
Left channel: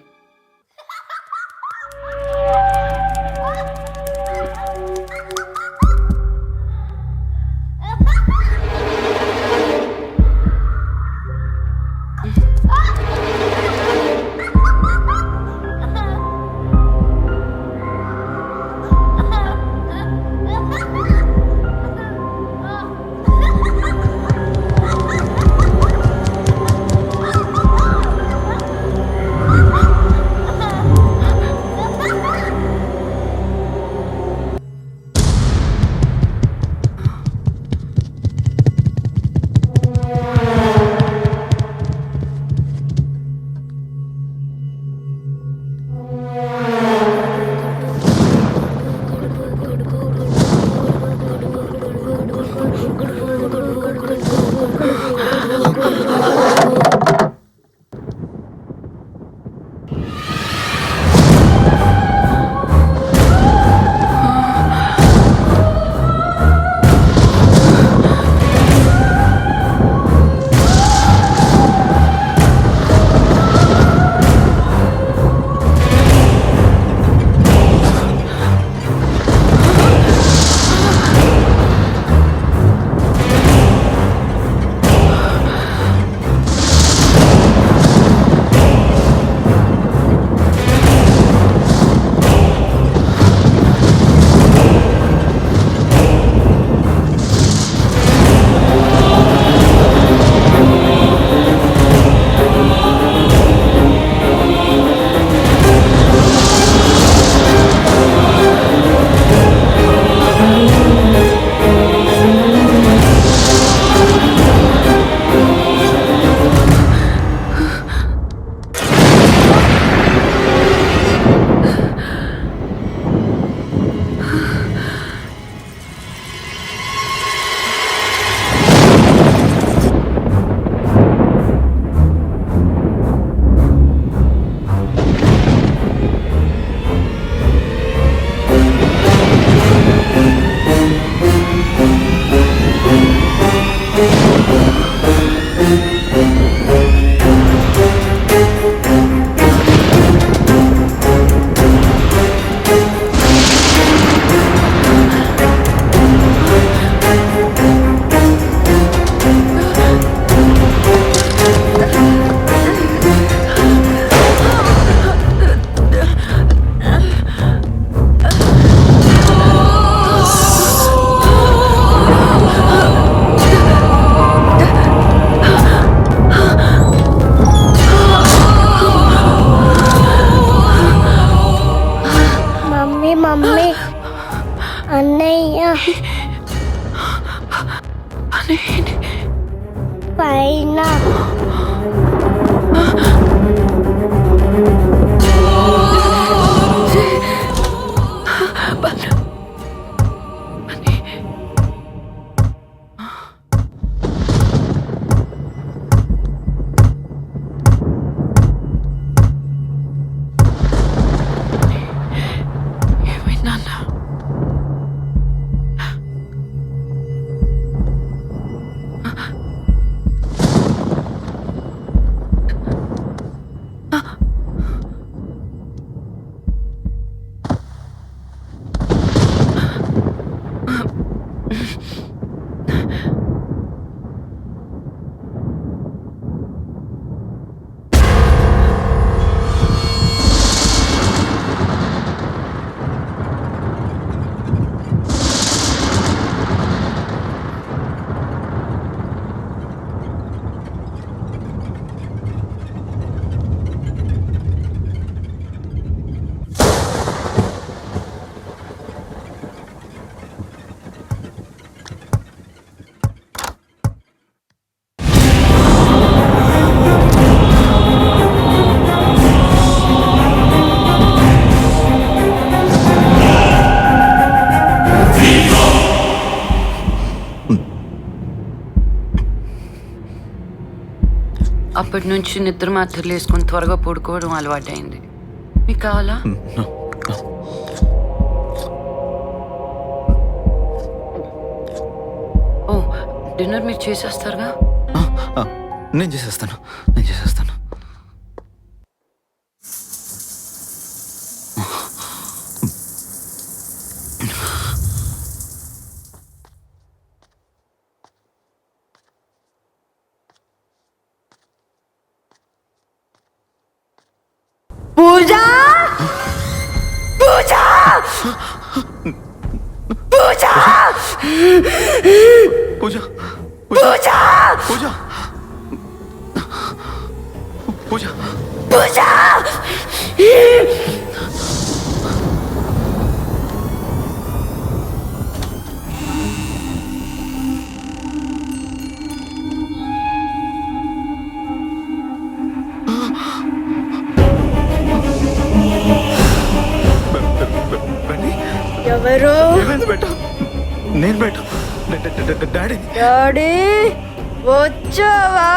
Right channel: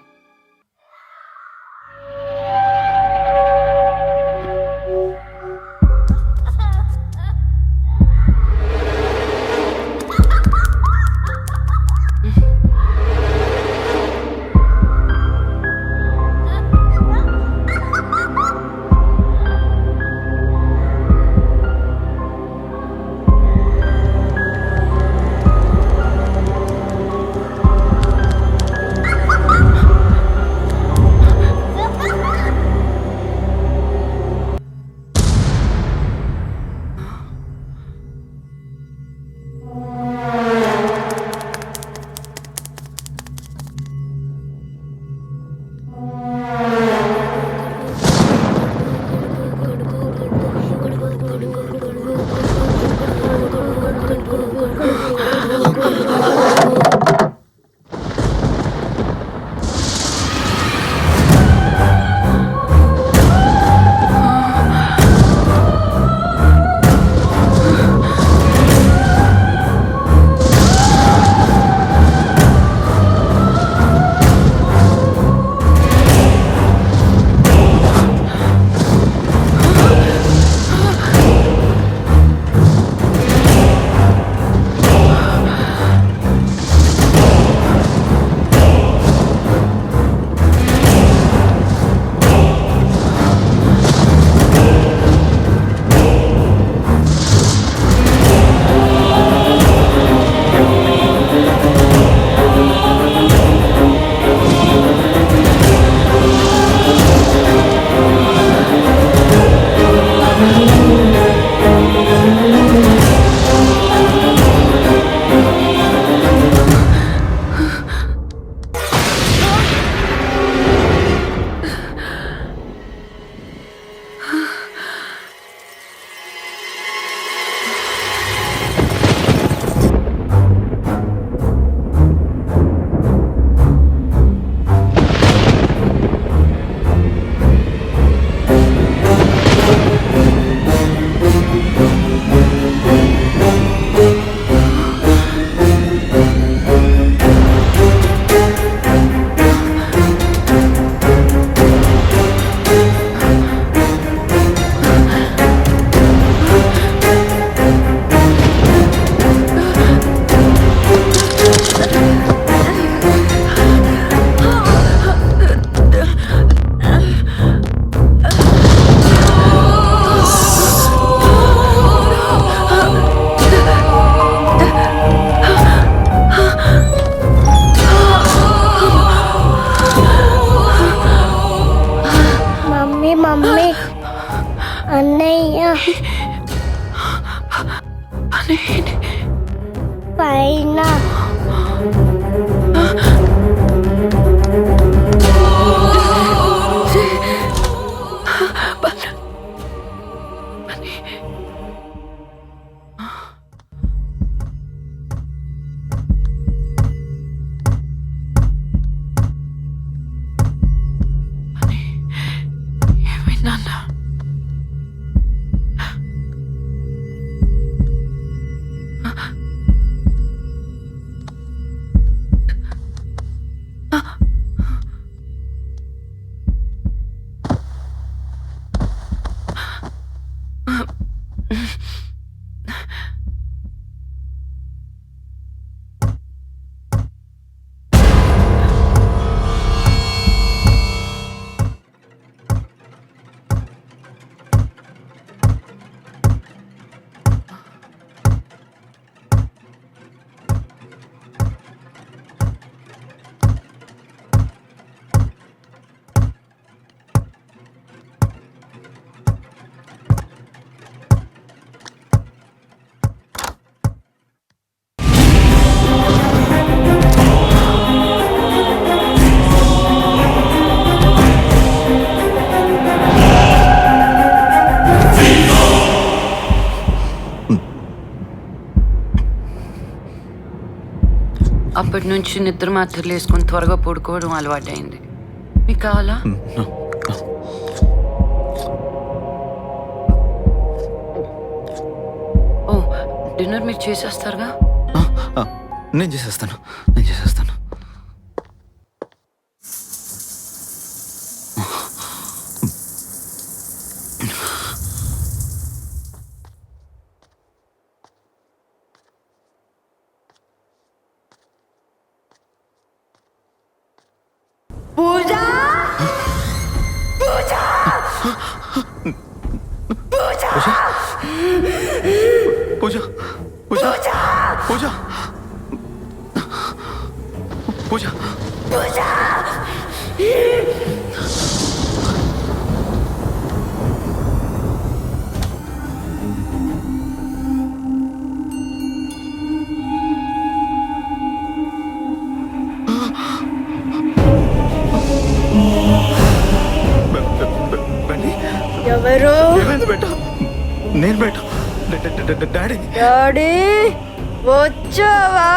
మమ్మీ అన్నయ్య పైన అప్పటి నుంచి నిద్ర మాత్రలు వేసుకొని త్వరగా పడుకోవడం అలవాటైంది. మీకు కావాలా? ఓ, డిన్నర్ మీరు చేసేస్తారుగా. నేను చేసేస్తాను. పూజ పూజ పూజ పూజ పూజ పూజ పూజ పూజ బండి ఎవరు? ఏమైంది బెట్ట? నేను బెట్ట డాడీ. డాడీ వచ్చావా?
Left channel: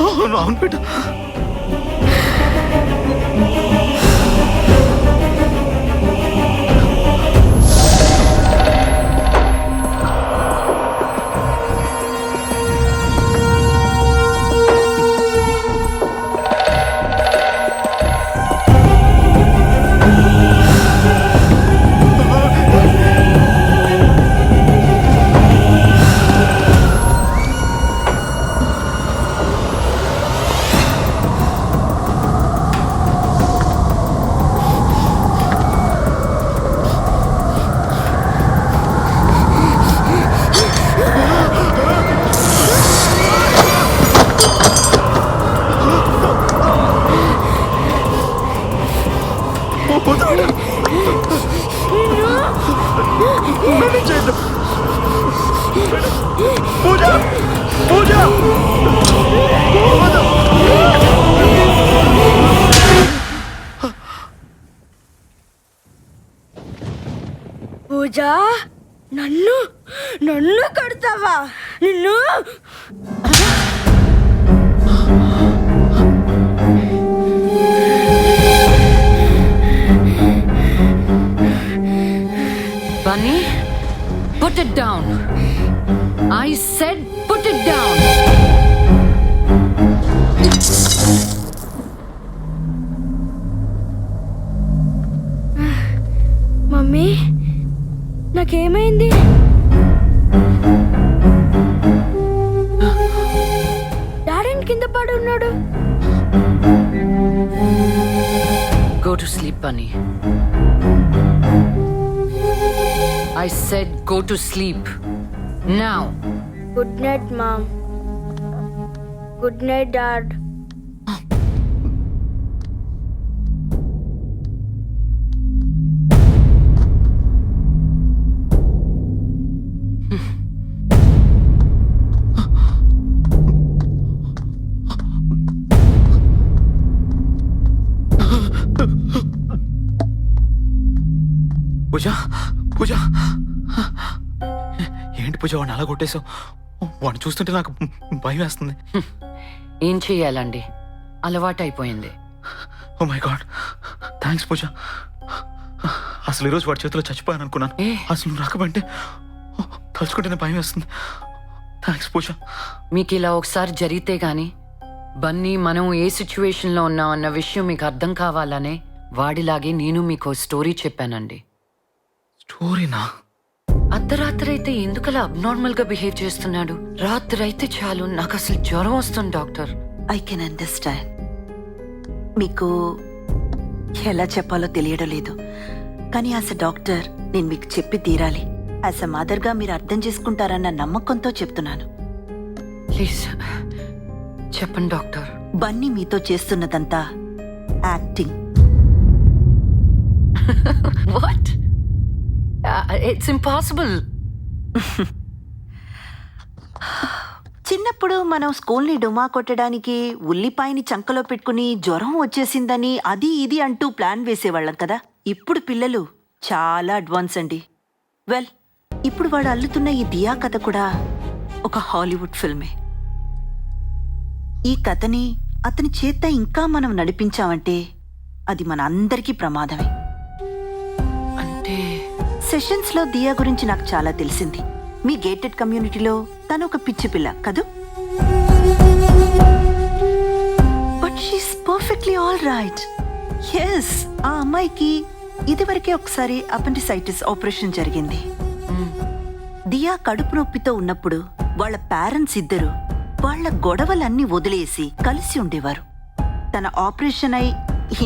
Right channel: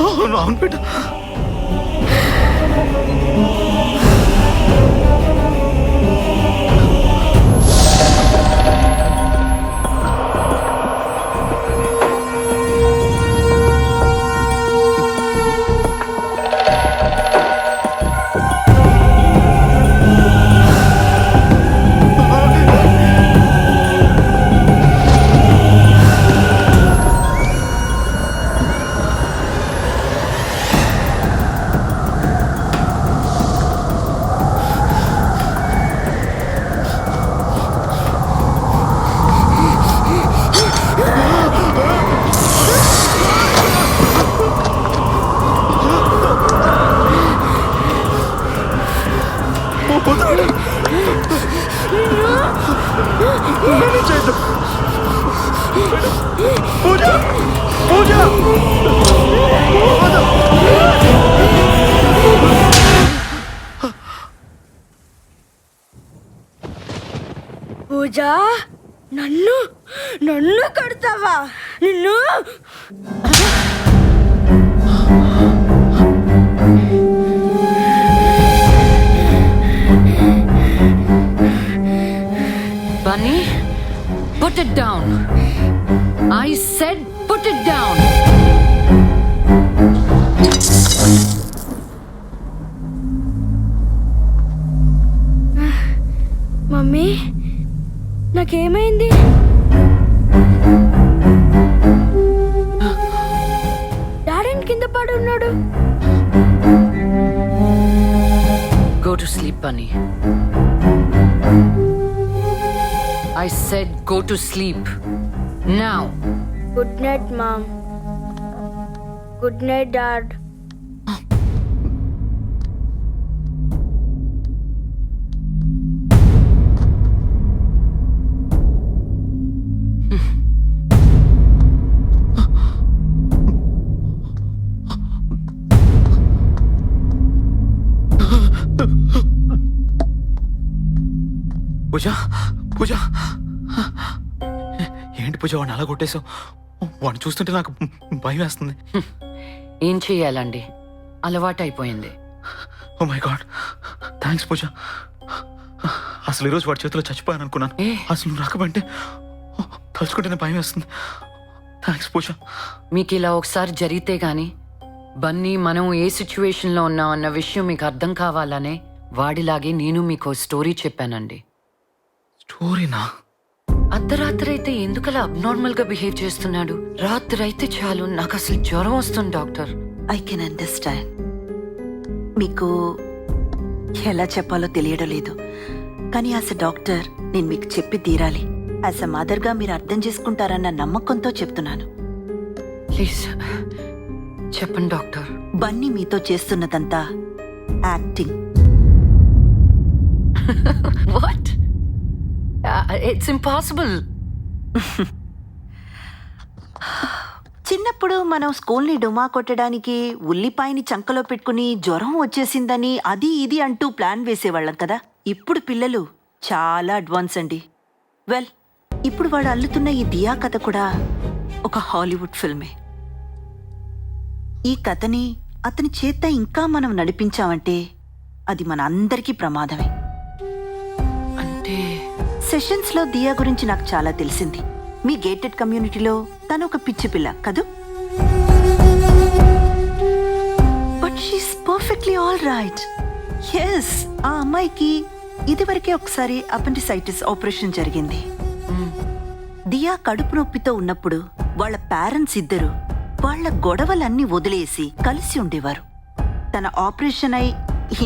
అవును బెట్ట. పూజ పూజ పూజ నన్ను నన్ను కొడతావా? నిన్ను Bunny, put it down. I said put it down. Mummy నాకేమైంది? డాడీని కింద పడి ఉన్నాడు. Go to sleep, Bunny. I said go to sleep. Now. Good night mom. Good night dad. Pooja Pooja ఏంటి పూజ వాడిని అలా కొట్టేశావు? వాడిని చూస్తుంటే నాకు భయం వేస్తుంది. ఏం చెయ్యాలండి, అలవాటైపోయింది. ఓ మై గాడ్, థ్యాంక్స్ పూజ. అసలు ఈరోజు వాడి చేతిలో చచ్చిపోయాను అనుకున్నాను. అసలు నువ్వు రాకపోయింటే తలుచుకుంటేనే భయం వేస్తుంది. థ్యాంక్స్ పూజ. మీకు ఇలా ఒకసారి జరిగితే గాని బన్నీ మనం ఏ సిచ్యువేషన్లో ఉన్నాం అన్న విషయం మీకు అర్థం కావాలనే వాడిలాగే నేను మీకు స్టోరీ చెప్పానండి. స్టోరీనా? అర్ధరాత్రి అయితే ఎందుకలా అబ్నార్మల్ గా బిహేవ్ చేస్తున్నాడు? రాత్రి అయితే చాలు నాకు అసలు జ్వరం వస్తుంది డాక్టర్. I can understand. మీకు ఎలా చెప్పాలో తెలియడం లేదు, కానీ యాజ్ అ డాక్టర్ నేను మీకు చెప్పి తీరాలి. యాజ్ అ మదర్గా మీరు అర్థం చేసుకుంటారన్న నమ్మకంతో చెప్తున్నాను. ప్లీజ్ చెప్పండి డాక్టర్. బన్నీ మీతో చేస్తున్నదంతా యాక్టింగ్. వాట్? It's impossible. చిన్నప్పుడు మనం స్కూల్ని డుమా కొట్టడానికి ఉల్లిపాయని చంకలో పెట్టుకుని జ్వరం వచ్చేసిందని అది ఇది అంటూ ప్లాన్ వేసేవాళ్ళం కదా. ఇప్పుడు పిల్లలు చాలా అడ్వాన్స్ అండి. వెల్, ఇప్పుడు వాడు అల్లుతున్న ఈ దియా కథ కూడా ఒక హాలీవుడ్ ఫిల్మే. ఈ కథని అతని చేత ఇంకా మనం నడిపించామంటే అది మన అందరికీ ప్రమాదమే. అంటే సెషన్స్లో దియా గురించి నాకు చాలా తెలిసింది. మీ గేటెడ్ కమ్యూనిటీలో తను ఒక పిచ్చి పిల్ల కదూ. But she's perfectly all right. Yes, ఆ అమ్మాయికి ఇదివరకే ఒకసారి అపెండిసైటిస్ ఆపరేషన్ జరిగింది. దియా కడుపు నొప్పితో ఉన్నప్పుడు వాళ్ళ పేరెంట్స్ ఇద్దరు వాళ్ళ గొడవలన్నీ వదిలేసి కలిసి ఉండేవారు. తన ఆపరేషన్ అయి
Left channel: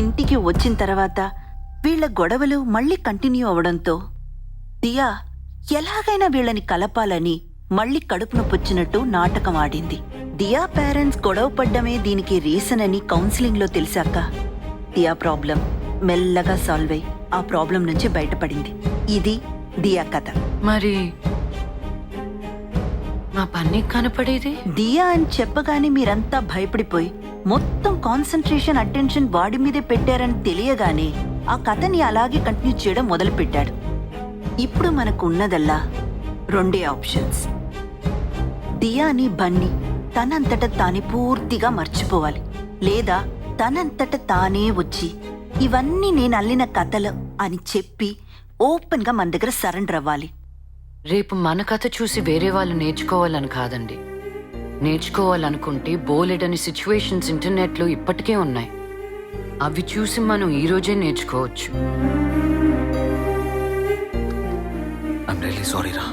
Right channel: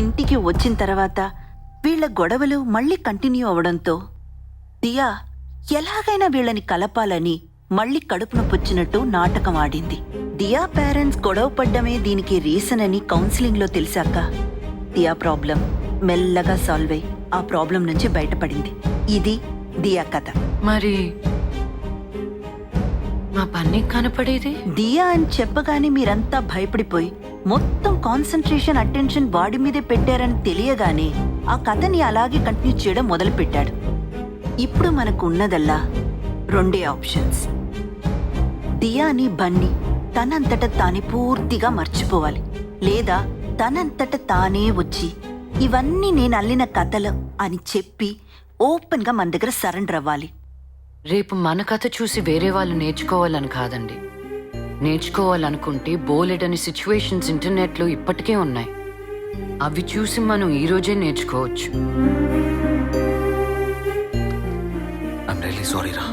ఇంటికి వచ్చిన తర్వాత వీళ్ల గొడవలు మళ్ళీ కంటిన్యూ అవడంతో దియా ఎలాగైనా వీళ్ళని కలపాలని మళ్ళీ కడుపు నొప్పొచ్చినట్టు నాటకం ఆడింది. దియా పేరెంట్స్ గొడవ పడ్డమే దీనికి రీజన్ అని కౌన్సిలింగ్ లో తెలిసాక దియా ప్రాబ్లం మెల్లగా సాల్వ్ అయి ఆ ప్రాబ్లం నుంచి బయటపడింది. ఇది దియా కథ. మరి మా పని కనపడేది దియా అని చెప్పగానే మీరంతా భయపడిపోయి మొత్తం కాన్సంట్రేషన్ అటెన్షన్ వాడి మీదే పెట్టారని తెలియగానే ఆ కథని అలాగే కంటిన్యూ చేయడం మొదలు పెట్టాడు. ఇప్పుడు మనకు ఉన్నదల్లా రెండే ఆప్షన్స్. దియాని బన్నీ తనంతట తానే పూర్తిగా మర్చిపోవాలి, లేదా తనంతట తానే వచ్చి ఇవన్నీ నేను అల్లిన కథలు అని చెప్పి ఓపెన్ గా మన దగ్గర సరెండర్ అవ్వాలి. రేపు మన కథ చూసి వేరే వాళ్ళు నేర్చుకోవాలని కాదండి. నేర్చుకోవాలనుకుంటే బోలెడని సిచ్యువేషన్స్ ఇంటర్నెట్లో ఇప్పటికే ఉన్నాయి. అవి చూసి మనం ఈ రోజే నేర్చుకోవచ్చు. ఐమ్ రియల్లీ సారీ రా.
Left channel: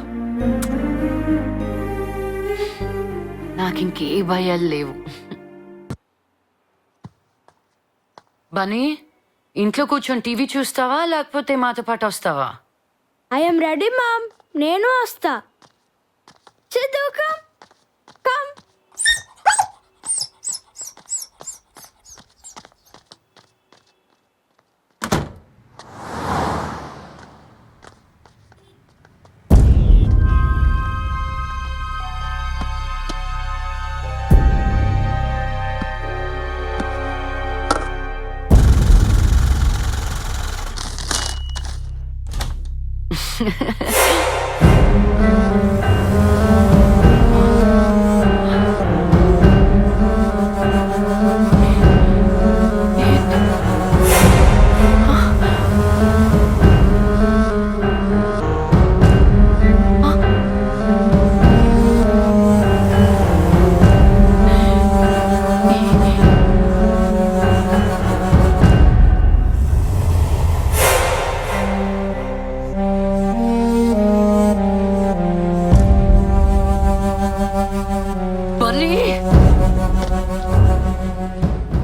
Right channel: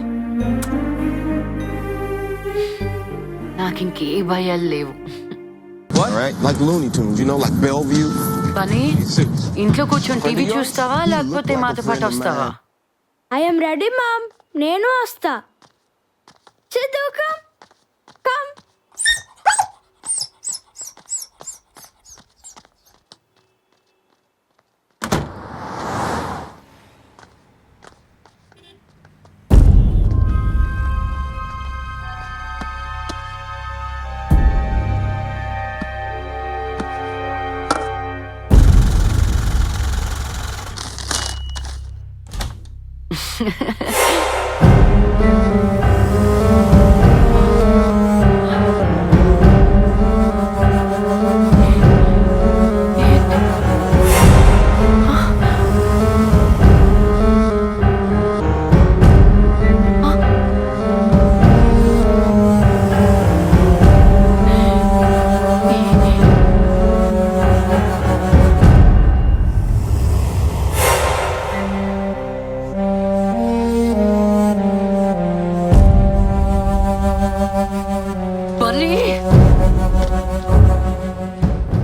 నాకింకే భయాలు లేవు. పని ఇంట్లో కూర్చొని టీవీ చూస్తావా లేకపోతే మాతో పాటు వస్తావా? ఐఎమ్ రెడీ మామ్, నేను వస్తా. Siddhu come come.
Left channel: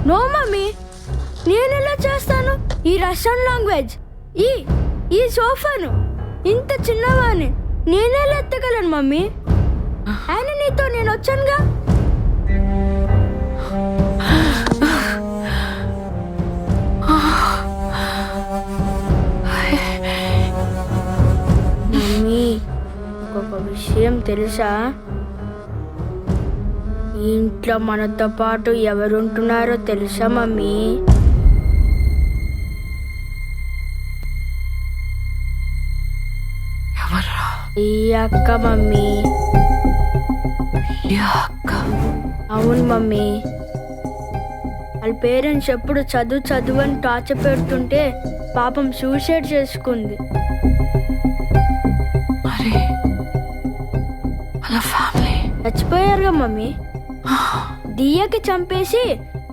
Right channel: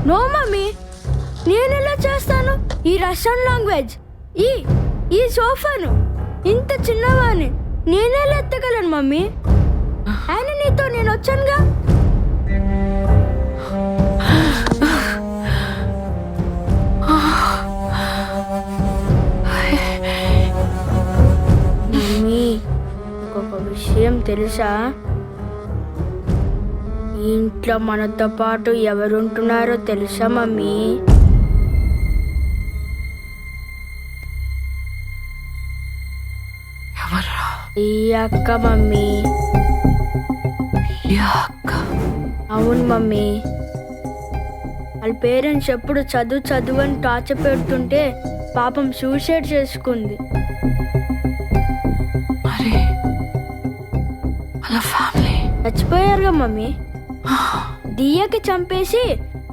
No mummy, నేనెలా చేస్తాను? ఈ రష్యన్ లాంగ్వేజ్, ఈ సోఫాను, ఇంత చిన్నవాణ్ణి నేనెలా ఎత్తగలను మమ్మీ? ఆయన నీతో నేను వచ్చానుగా. మమ్మీ, ఒక విషయం తెలుసా? ఈ ఇంట్లో మనతో పాటు ఎవరుంటున్నారో తెలుసా మమ్మీ? ఈ అక్క మమ్మీ. అవును మమ్మీ, వాళ్ళ పేరెంట్స్ ఎప్పుడు చదువు అని టార్చర్ పెడుతుంటే పాపం సూసైడ్ చేసుకుంది. చచ్చిపోయారుగా మమ్మీ. దియాకి చంపేసి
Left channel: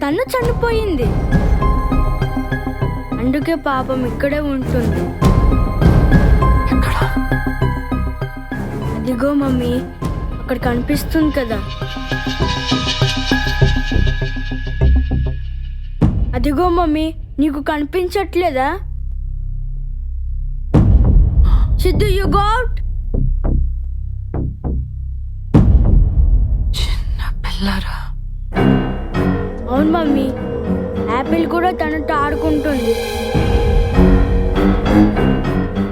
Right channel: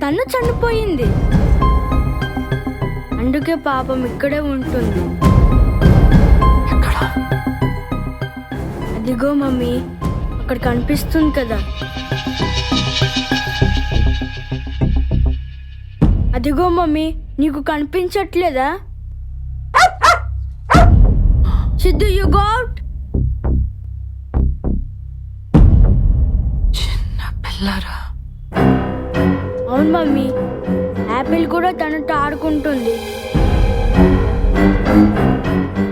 తను చనిపోయింది. అందుకే పాపం ఇక్కడే ఉంటుంది. అదిగో మమ్మీ, అక్కడ కనిపిస్తుంది కదా. అదిగో మమ్మీ, నీకు కనిపించట్లేదా? Siddhu, you go out. అవును మమ్మీ, యాపిల్ కూడా తనతో ఆడుకుంటుంది.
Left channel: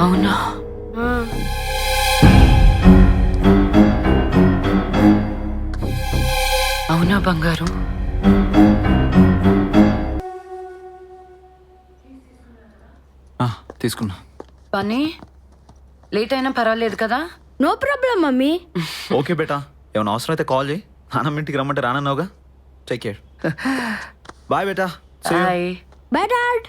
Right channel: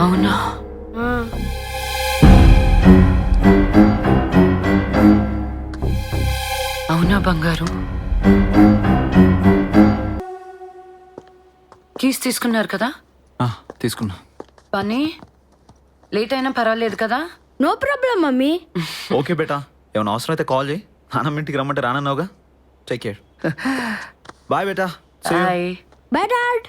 అవునా? అవునా బంగారు? కీస్ తీసుకున్నారు కదా? తీసుకున్నా. పని లేట్ అయినా పర్వాలేదు కదా? No problem mummy. ఓకే బేటా, ఏమైనా అవసరం అయితే కాల్ చేయి. నాన్నమ్మ ఇంటికి రమ్మంటే రానన్నావుగా. Take care. బాయ్ బేటా. Bye. Bye dad.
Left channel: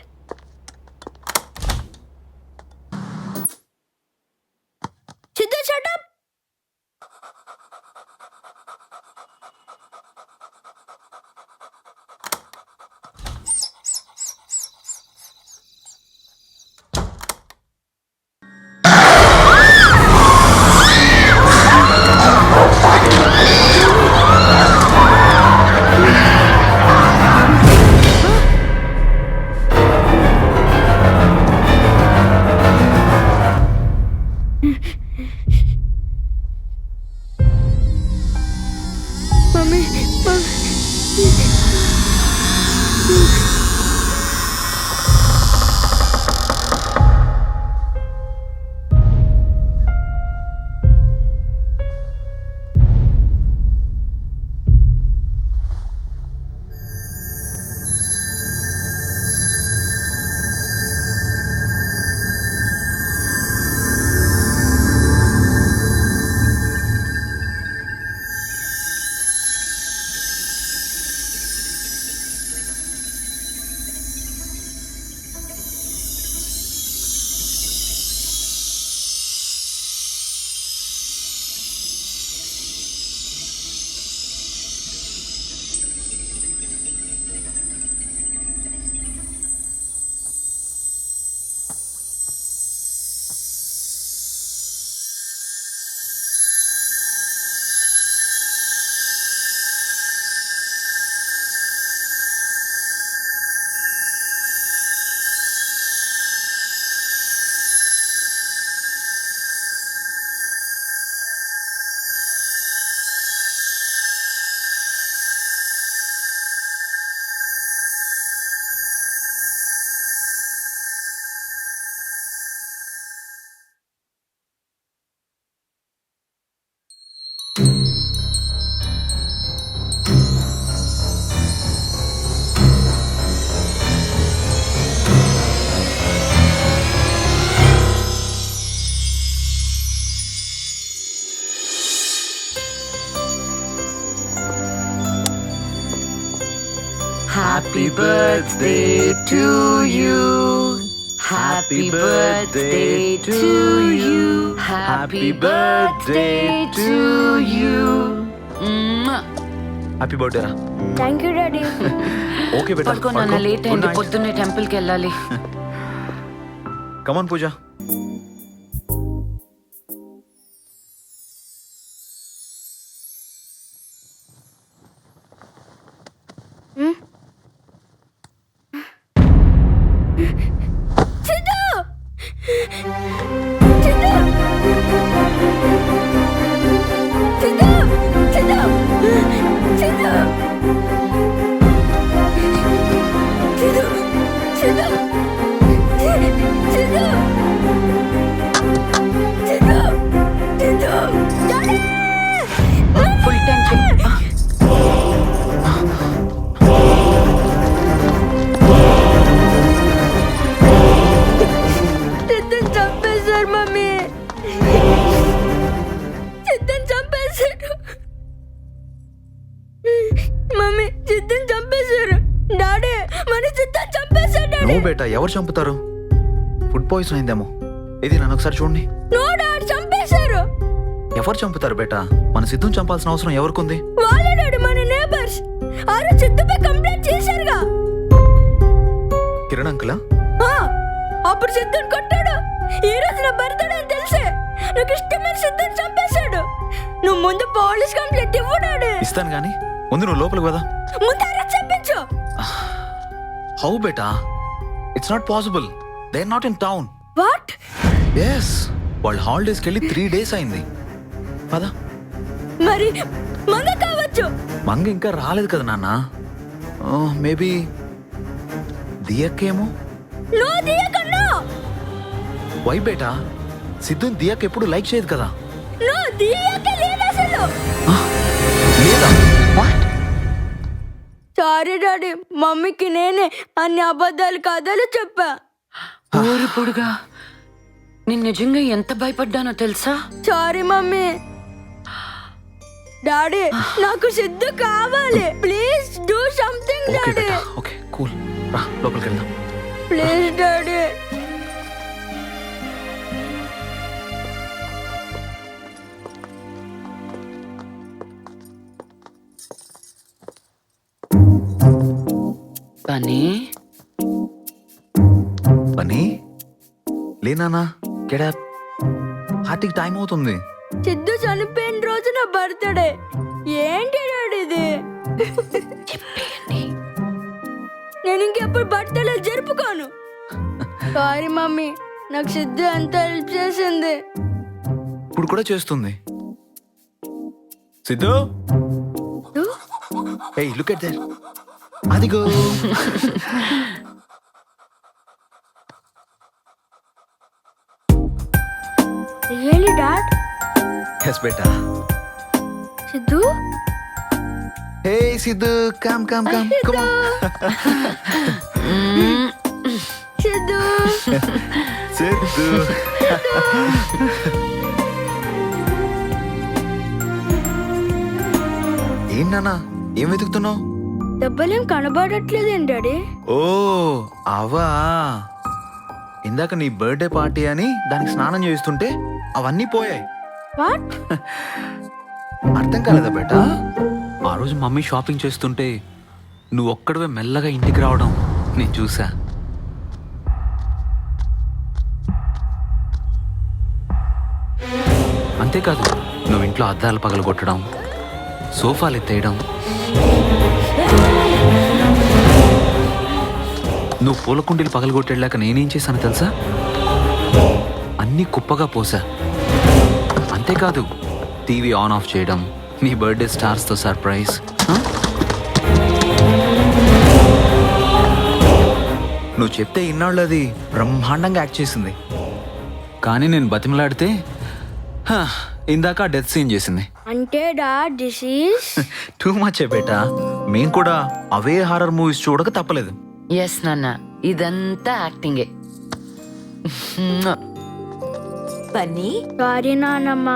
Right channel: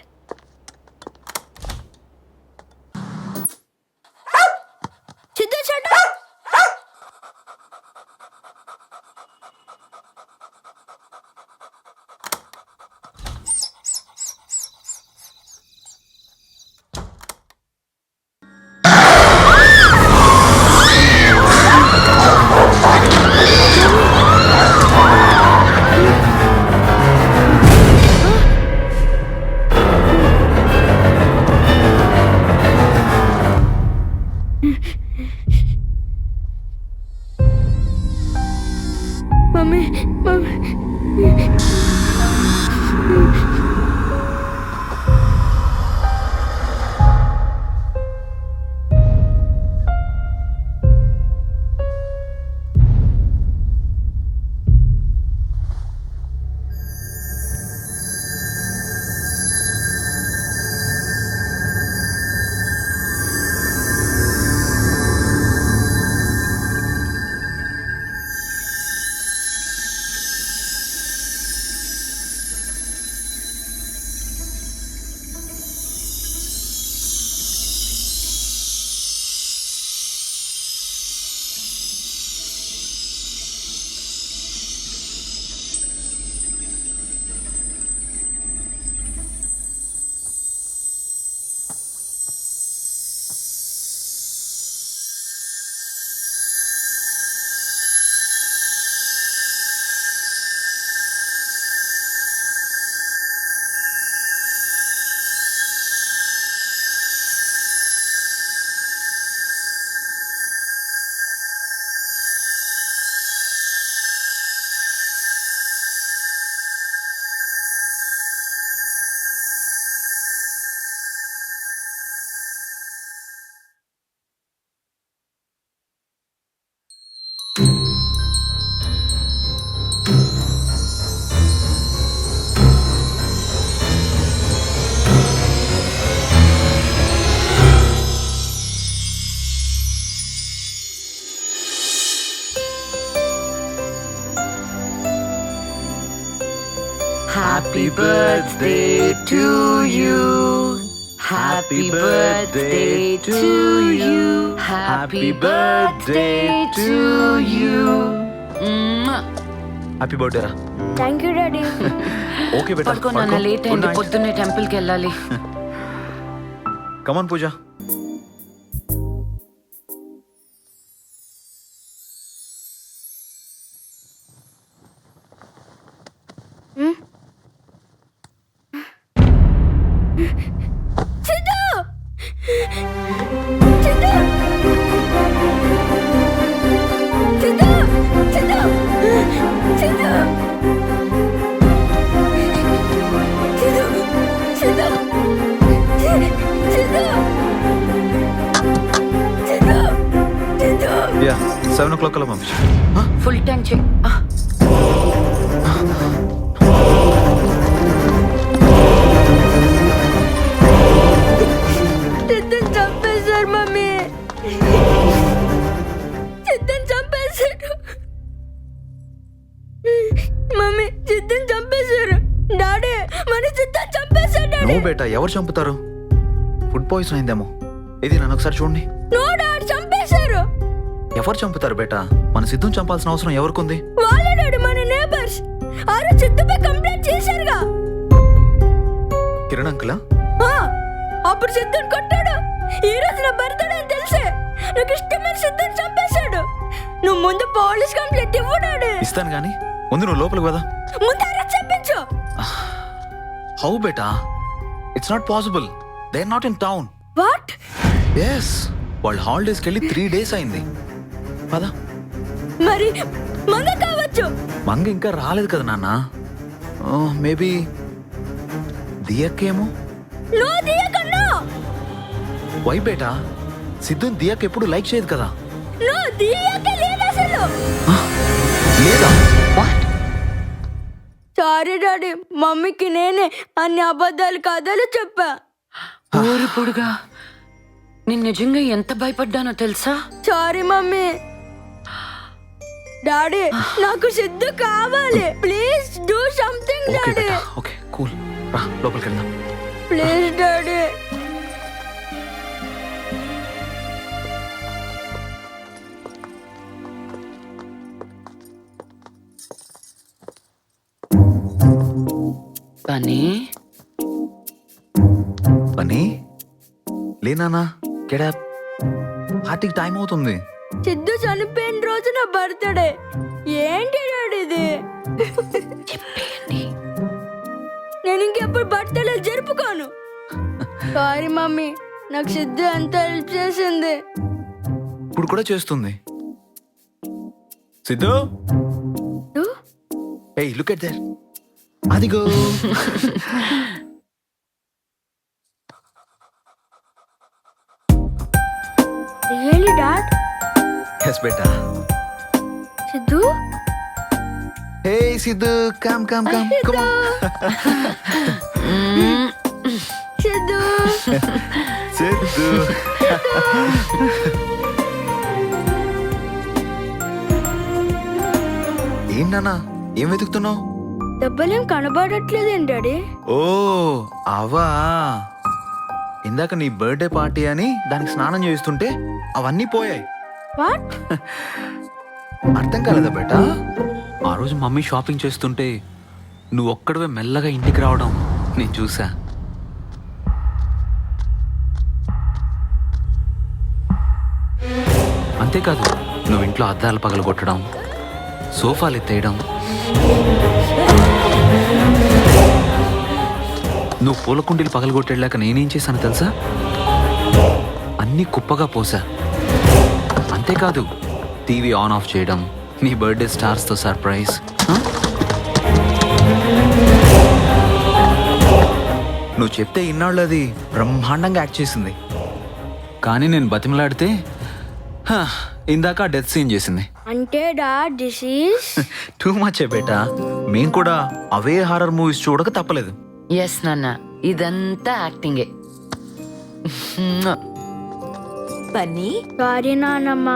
Siddhu, Happy birthday to you. Happy birthday to you. Happy birthday to you. Happy birthday రా. Thank you daddy. ఓకే బేటా, పడుకో నాన్న, లేట్ అయింది, పొద్దున్నే టెంపుల్కి వెళ్ళాలి. కమాన్ పూజ. సిద్ధు సిద్ధు సిద్ధు సిద్ధు సిద్ధు సిద్ధు సిద్ధు సిద్ధు సిద్ధు సిద్ధు 7 o'clock కల్లా పంపించు. Full time check. సిద్ధుని చంపేశారు మమ్మీ. సిద్ధుని చంపేశారు మమ్మీ. సిద్ధుని చంపేశారు డాడీ. మన సిద్ధుని చంపేశారు డాడీ. నో బేటా, ఎవరు చంపుతారు? ఫుడ్ పాయిజన్ అయిందేమో. ఇది నన్ను ఒకసారి చూడండి. నో డాడీ, చంపేశారు. ఎవరు చంపుతారు బేటా? మన సిద్ధుని చంపాల్సిన అవసరం ఎవరికుంది? వాళ్ళే డాడీ, మన నేబర్స్. ఆ రోజు సిద్ధుపై కంప్లైంట్ చేశారుగా. కిరణ్ అంకులా? ఆ, అప్పుడు సిద్ధుని కొట్టాడు. ఈ రోజు నా బర్త్డే అని తెలిసే నాకు ఇష్టమైన సిద్ధుని చంపేశాడు. నువ్వు ముందు పోలీస్ కంప్లైంట్ ఇవ్వు డాడీ. ఇస్తాను గానీ ముందు నువ్వు లోపలికి కదా. ముందు అరెస్ట్ చేయించు. హౌ బేటా? It's not possible. They are not in town. What? Yes, వాళ్ళు హాలిడేస్కి వెళ్ళి 3 days అయింది. పదా. మరి మంగ కావచ్చు. మంగ ఇంకా రాలేదు కదా నాన్న. మేబీ దియక్కేమో. నో దియకన్నా. వై బేటా? సిద్ధుని దియక్ ఎప్పుడు లైక్ చేయదు కదా. నో దియక లేదు అసలు. లేదా? వాట్? సారీ డాడీ, మమ్మీకి నేనే అన్ని అబద్ధాలు కథలు చెప్పా. ఊరి పొడుగా, నేను నిజంగా ఎంత భయపడ్డానో తెలుసా? Sorry mummy. డాడీ, నాకు సిద్ధు కావాలి. Please do something okay daddy. Beta, okay cool. రా లోపలికి వెళ్దాం. Please daddy. పని పని లేనా? Get up. హార్ట్కి టైం అవుతుంది. సిద్ధు చనిపోయిన రోజు నా బర్త్డే. ఏంటి డాడీ ఇది? నేను ఇంకెప్పుడు బర్త్డే జరుపుకోను. సారీ మమ్మీ, నాకు సిద్ధు ఎంత హెల్ప్ చేసింది. ఇప్పుడు కూడా చేస్తుంది. Siddhu, hey, look at that. అదిగో. Really dad? yes beta. Siddhu? Hey Siddhu, come come come come on. Siddhu. Siddhu. ఏం నాన్నా, ఏం వెతుకుతున్నావు? దెబ్బలేం కనబడట్లేదేం డాడీ? ఓ అవా, ఇందాక నీ బర్త్డే పార్టీ అని దానికి స్నానం చేస్తుంటే అవన్నీ పోయాయి. వాట్? అర్థం కాలేదా బేటా? ఆ రోజు మమ్మీ షాపింగ్ చేస్తుంటే నువ్వు ఒక్కడవే మెల్లగా ఇంటికి రావడం నేను చూసా. అంతేకాదు, నువ్వు ఇంట్లో అద్దాలు పగలగొట్టడం, సోఫాలు ఎత్తేయడం, నువ్వు పూల కుండీలు పగలగొట్టేళ్ళాక నేనేం చేశాను తెలుసా? అన్నీ కుప్పగా పోసా. అంతేకాదు, టీవీ ఆన్ ఆఫ్ చేయడం, నీ బర్త్డే స్టార్స్తో సర్ప్రైజ్. నువ్వు చెప్తే ఇన్నాళ్ళు అది బ్రహ్మాండంగా యాక్ట్ చేసింది. కానీ నేను బతిమలాడితే ఇందాక డెత్ సీన్ చేసింది. అంటే dad this is too much బేటా. మేం కూడా అవే హారర్ మూవీస్ చూడక తప్పలేదు. ఎస్ నాన్న, ఇదంతా యాక్టింగే. బన్నీ సారీ నానమ్మ,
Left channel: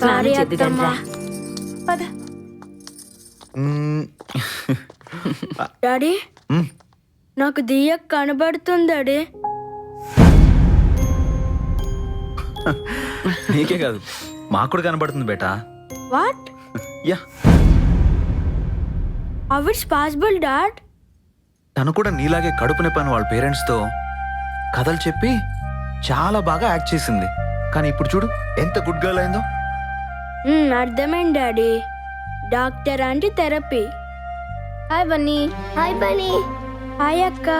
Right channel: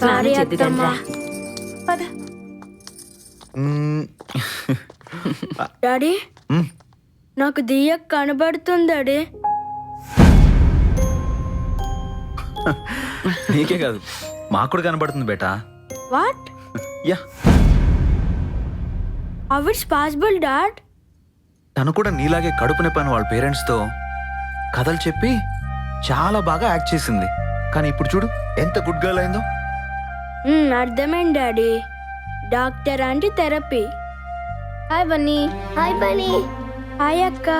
సారీ స్నానం చేద్దుగాని అత్తమ్మ. రా. పద. మ్మ్. డాడీ మ్మ్. నాకు దియ్య కనబడుతుంది డాడీ. నీకే కాదు, మాకు కూడా కనబడుతుంది బేటా. What? Yeah, how it's possible dad? తను కూడా నీలాగే కడుపు నొప్పని వాళ్ళ పేరెంట్స్తో కథలు చెప్పి చాలా బాగా యాక్ట్ చేసింది. కానీ ఇప్పుడు చూడు ఎంత గుడ్ గర్ల్ అయిందో. అర్థమైంది డాడీ. డాక్టర్ అంటే therapy. Hi Bunny. Hi Bunny. Hi అక్క.